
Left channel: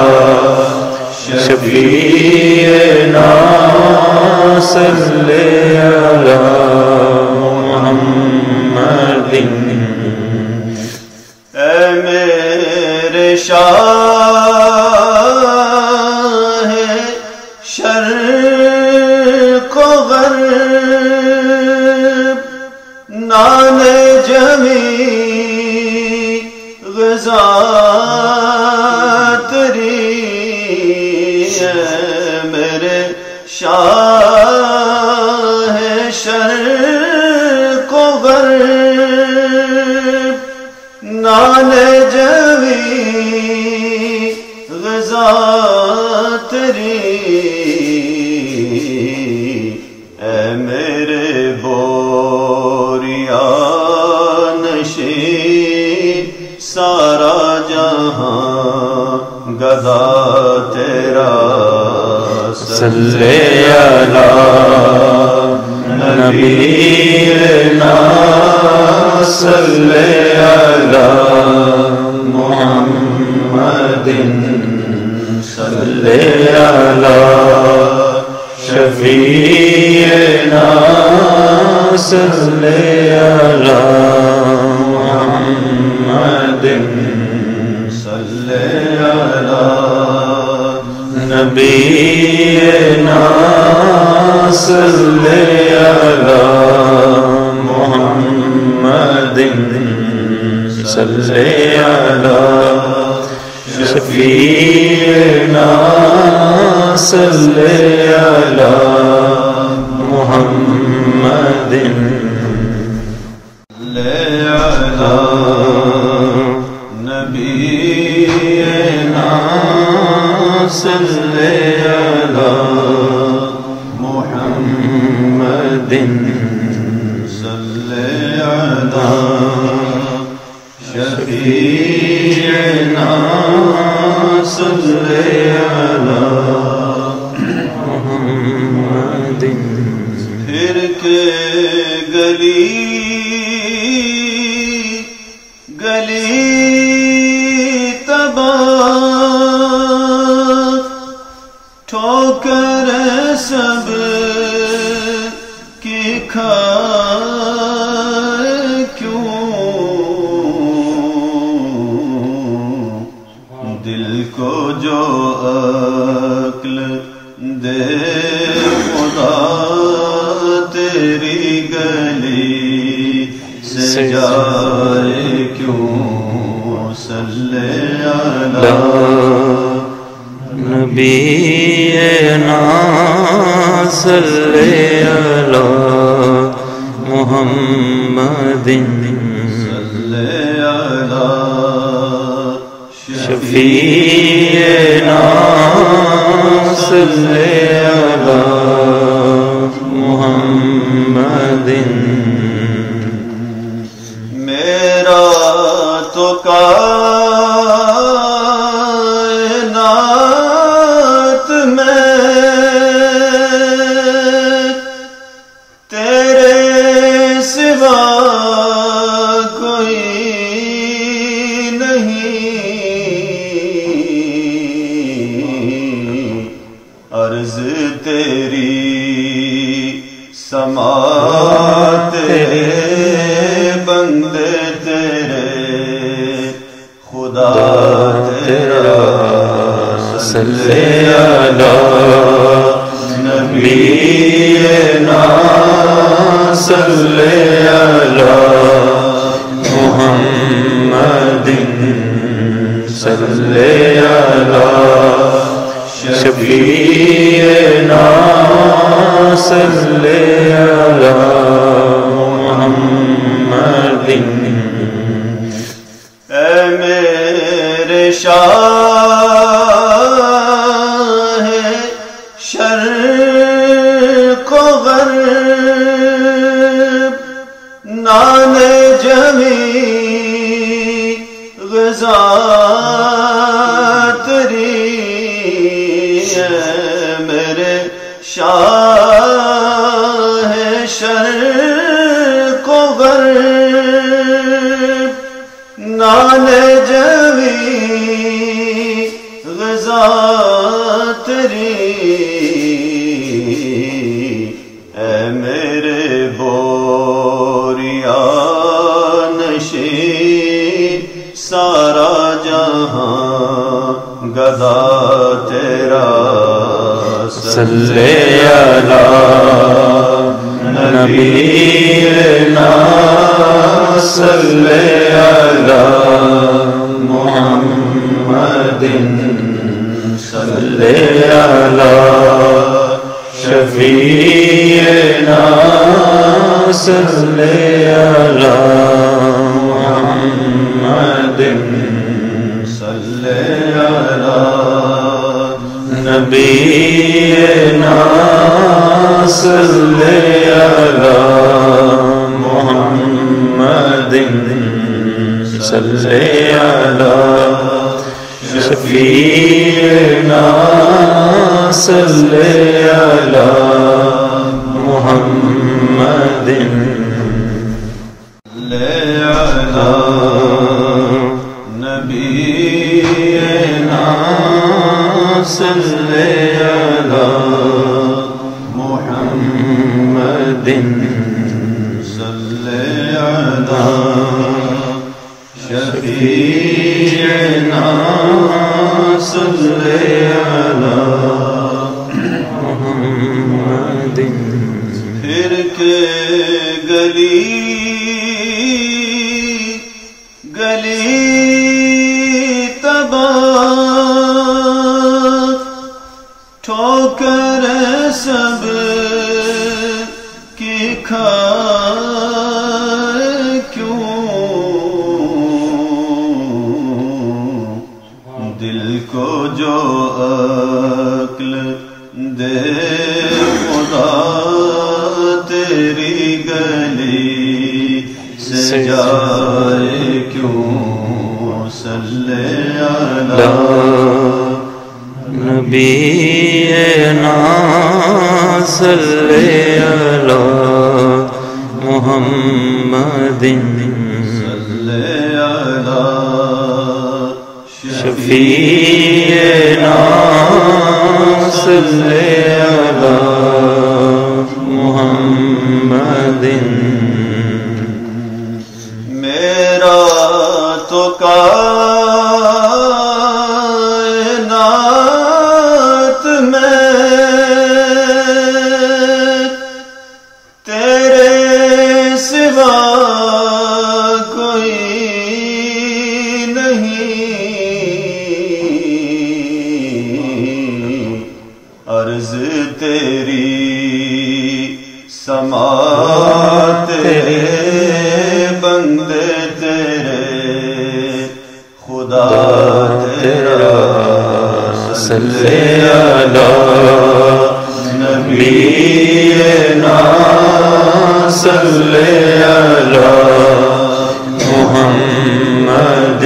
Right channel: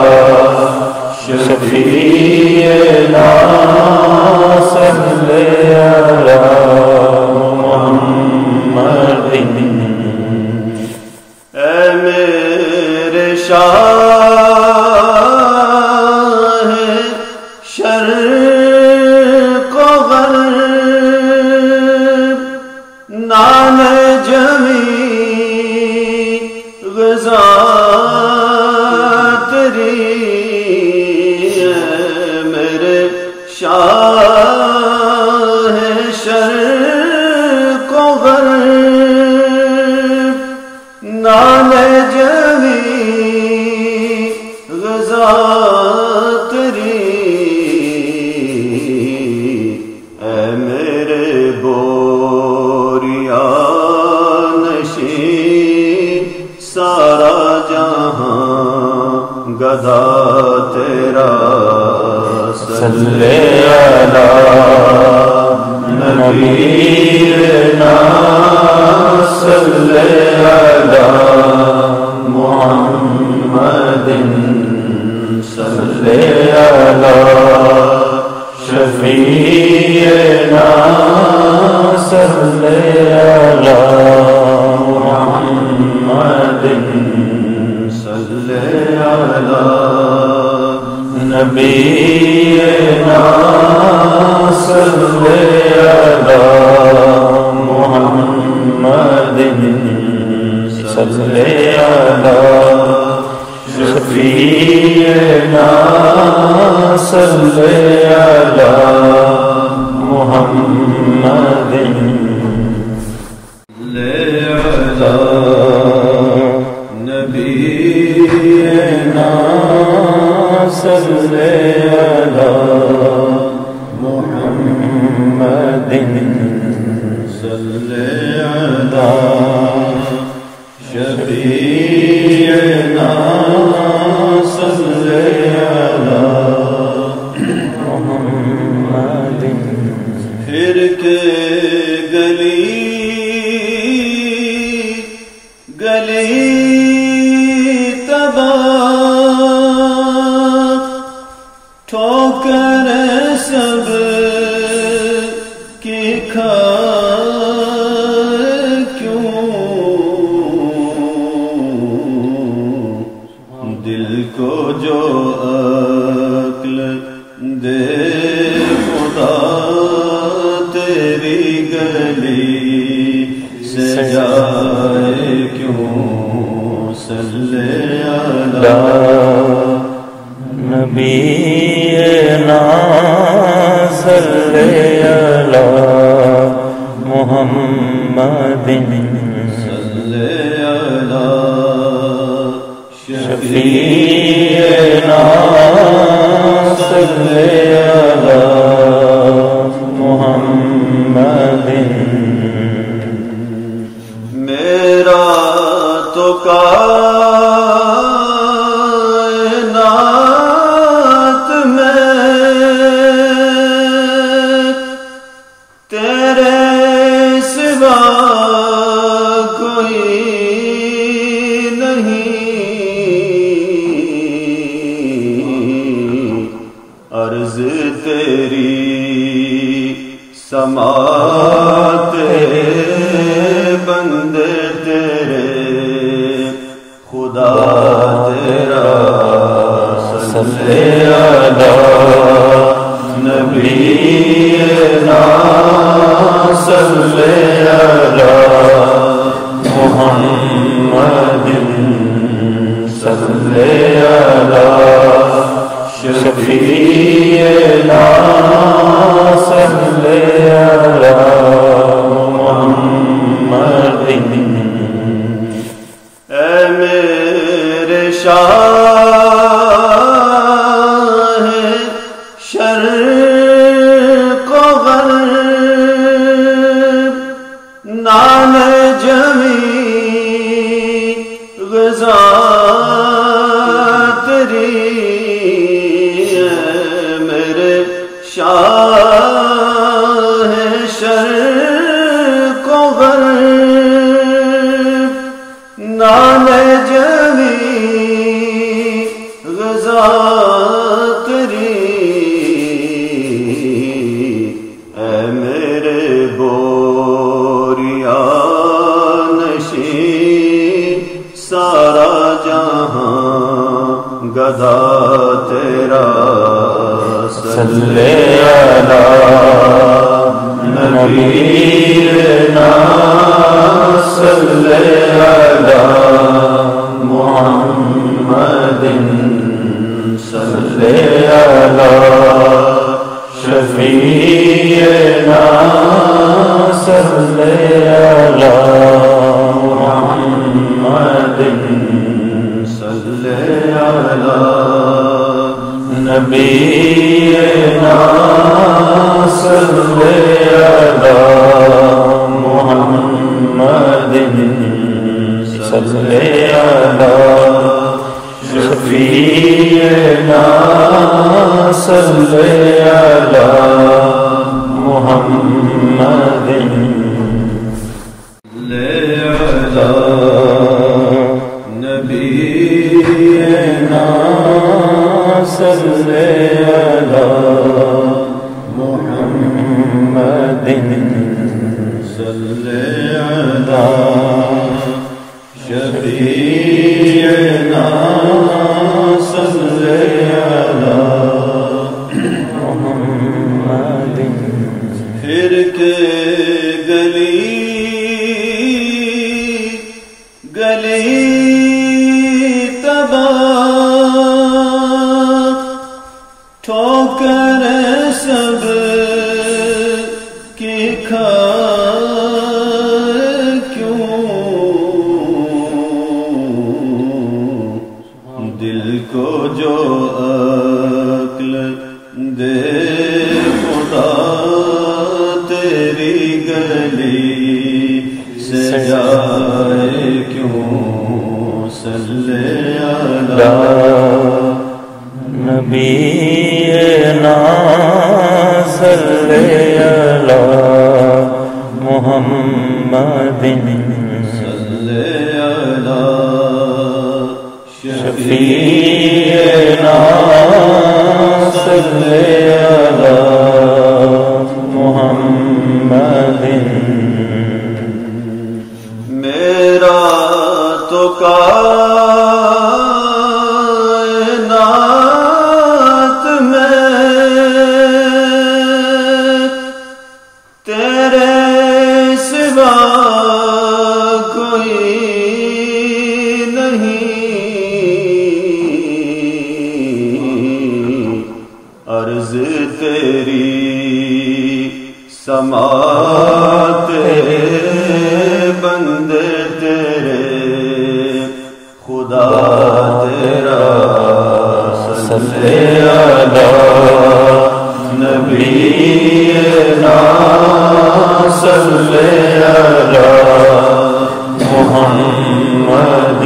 شفیعنا صلی علی محمد اے میرے شاہ شرق و غرب نام جمی غذا تیری میرے شاہ شرق و غرب نام جمی غذا تیری اے میرے بوریا نشین سارا جہاں گدھا تیرا صلی علی نبینا صلی علی محمد صلی علی شفیعنا صلی علی محمد صلی علی نبینا صلی علی محمد صلی علی شفیعنا صلی علی محمد نبینا صلی علی محمد صلی علی شفیعنا صلی علی محمد پھر کے گلی ٹھوکر سب کی کھائے کیوں دل کو جو عقل دے خدا تیری گلی سے جائے کیوں صلی علی نبینا صلی علی محمد صلی علی شفیعنا صلی علی محمد میرا تو کائنات میں تیرے سوا کوئی نہیں عرض تیری سماعت بندے تیرے خدا تیرا صلی علی نبینا صلی علی محمد صلی علی شفیعنا صلی علی محمد اے میرے شاہ شرق و غرب نام جمی غذا تیری اے میرے شاہ شرق و غرب نام جمی غذا تیری اے میرے بوریا نشین سارا جہاں گدا تیرا صلی علی نبینا صلی علی محمد صلی علی شفیعنا صلی علی محمد صلی علی نبینا صلی علی محمد صلی علی شفیعنا صلی علی محمد نبینا صلی علی محمد صلی علی شفیعنا صلی علی محمد پھر کے گلی تباہ سے جائے کیوں صلی علی نبینا صلی علی محمد صلی علی شفیعنا صلی علی محمد میرا تو کائنات میں تیرے سوا کوئی نہیں، عرض تیری سماعت بندے تیرے خدا تیرا صلی علی نبینا صلی علی محمد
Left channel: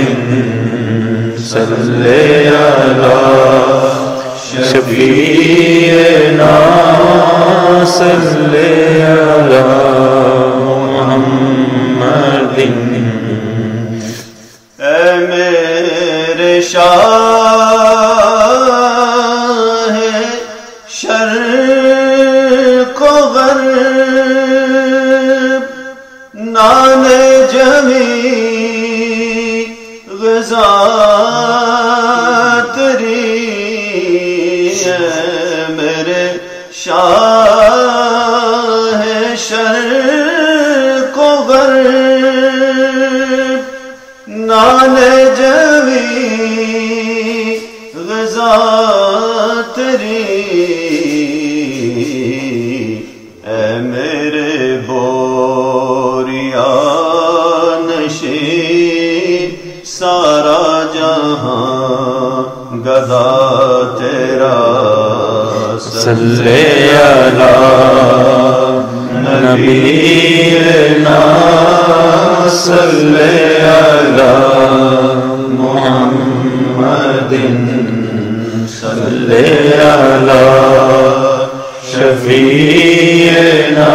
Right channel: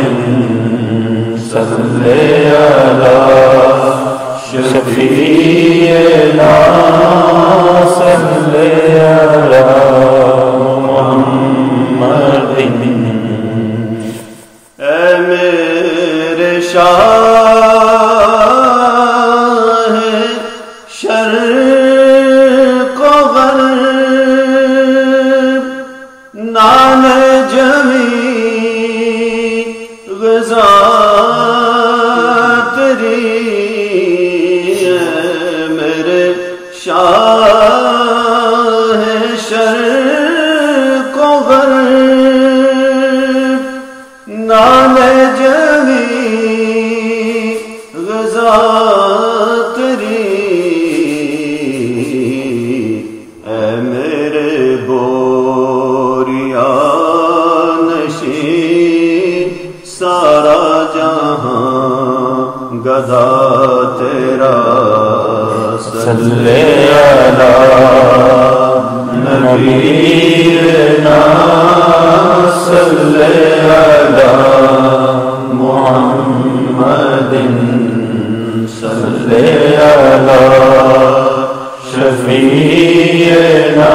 صلی علی شفیعنا صلی علی محمد اے میرے شاہ شرق و غرب، نام جمی غذا تیری، اے میرے شاہ شرق و غرب، نام جمی غذا تیری، اے میرے بوریا نشین سارا جہاں گدا تیرا صلی علی نبینا صلی علی محمد صلی علی شفیعنا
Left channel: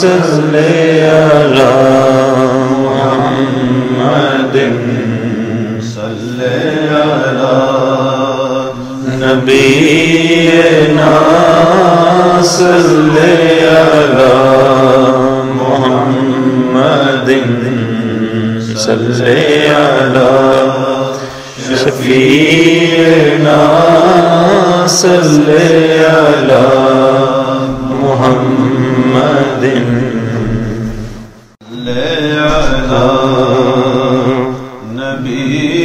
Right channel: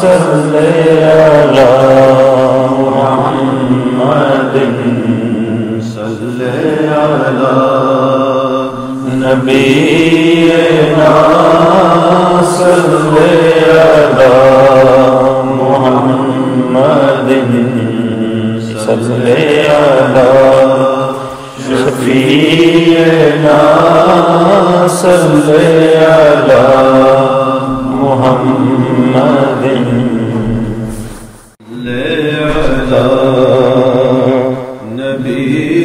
صلی علی محمد صلی علی نبینا صلی علی محمد صلی علی شفیعنا صلی علی محمد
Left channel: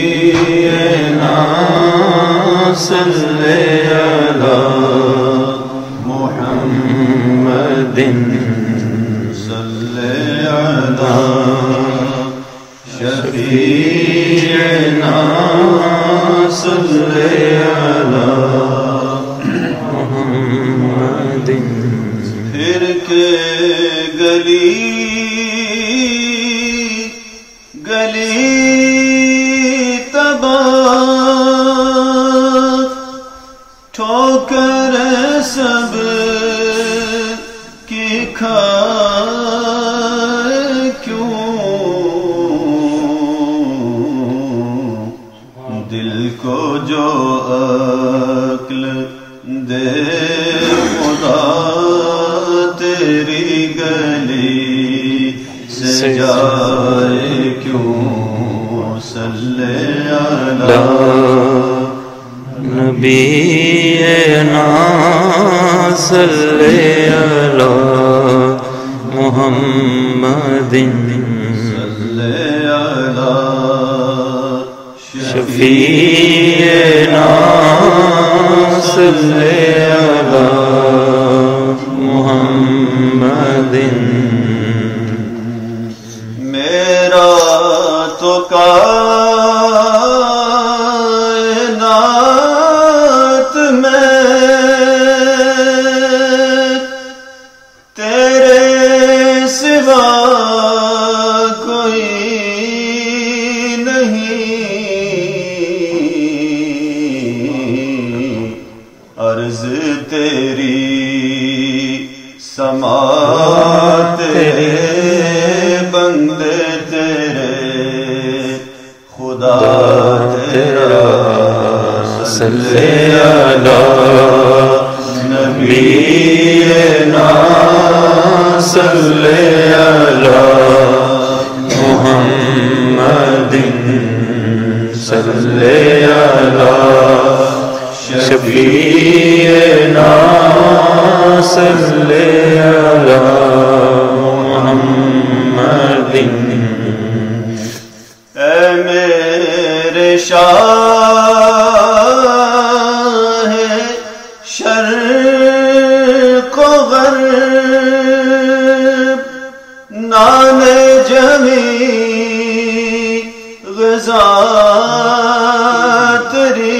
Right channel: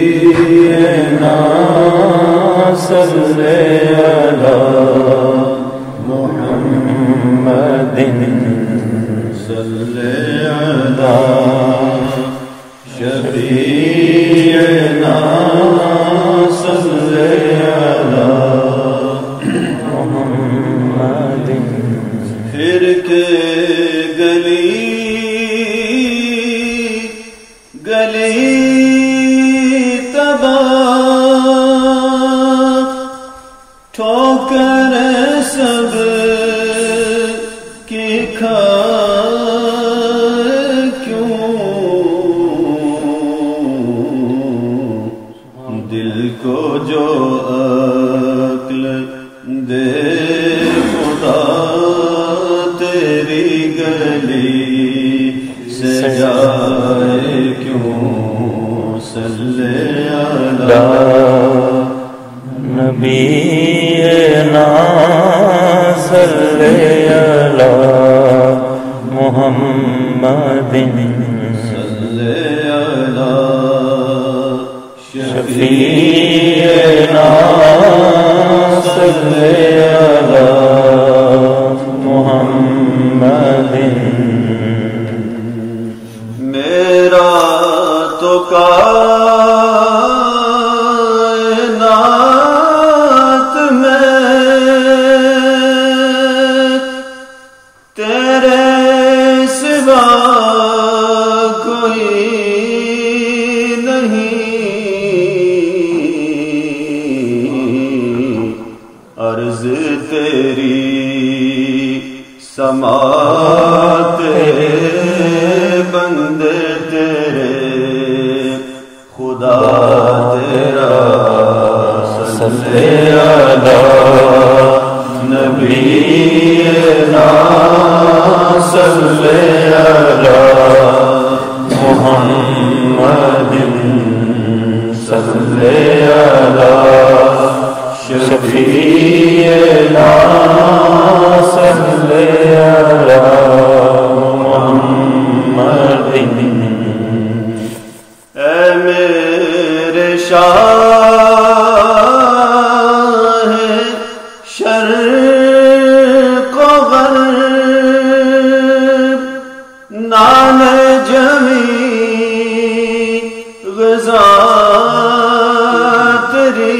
نبینا صلی علی محمد صلی علی شفیعنا صلی علی محمد پھر کے گلی گلی تباہ ٹھوکر سب کی کھائے کیوں، دل کو جو عقل دے خدا تیری گلی سے جائے کیوں صلی علی نبینا صلی علی محمد صلی علی شفیعنا صلی علی محمد میرا تو کائنات میں تیرے سوا صلی علی محمد صلی علی شفیعنا صلی علی محمد اے میرے شاہ شرق و غرب نام جمی غذا تیری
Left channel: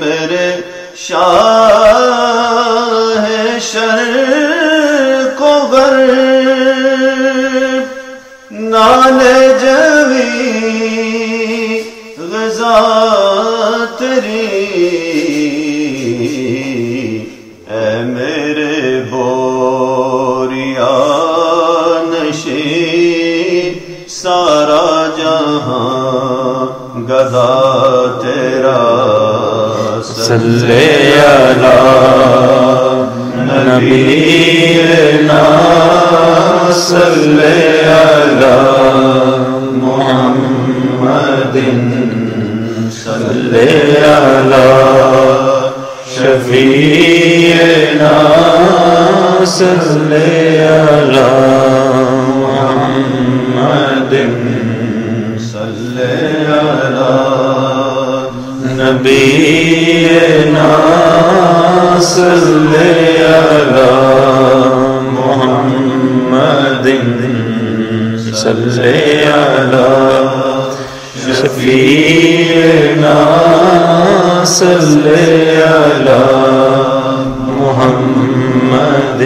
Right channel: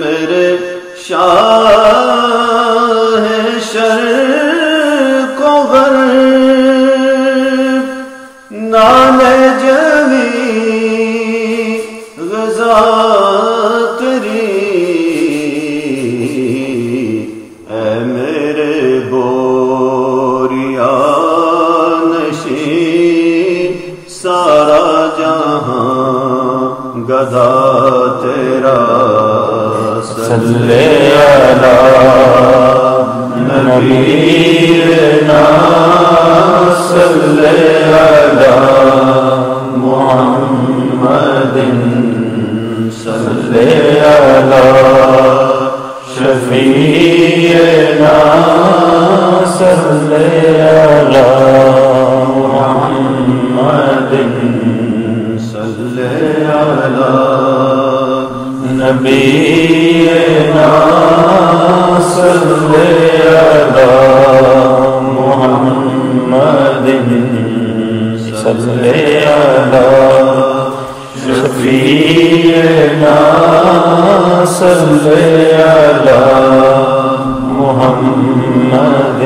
میرے شاہ شرق و غرب نام جمی غذا تیری اے میرے بوریا نشین سارا جہاں گدھا تیرا صلی علی نبینا صلی علی محمد صلی علی شفیعنا صلی علی محمد صلی علی نبینا صلی علی محمد صلی علی شفیعنا صلی علی محمد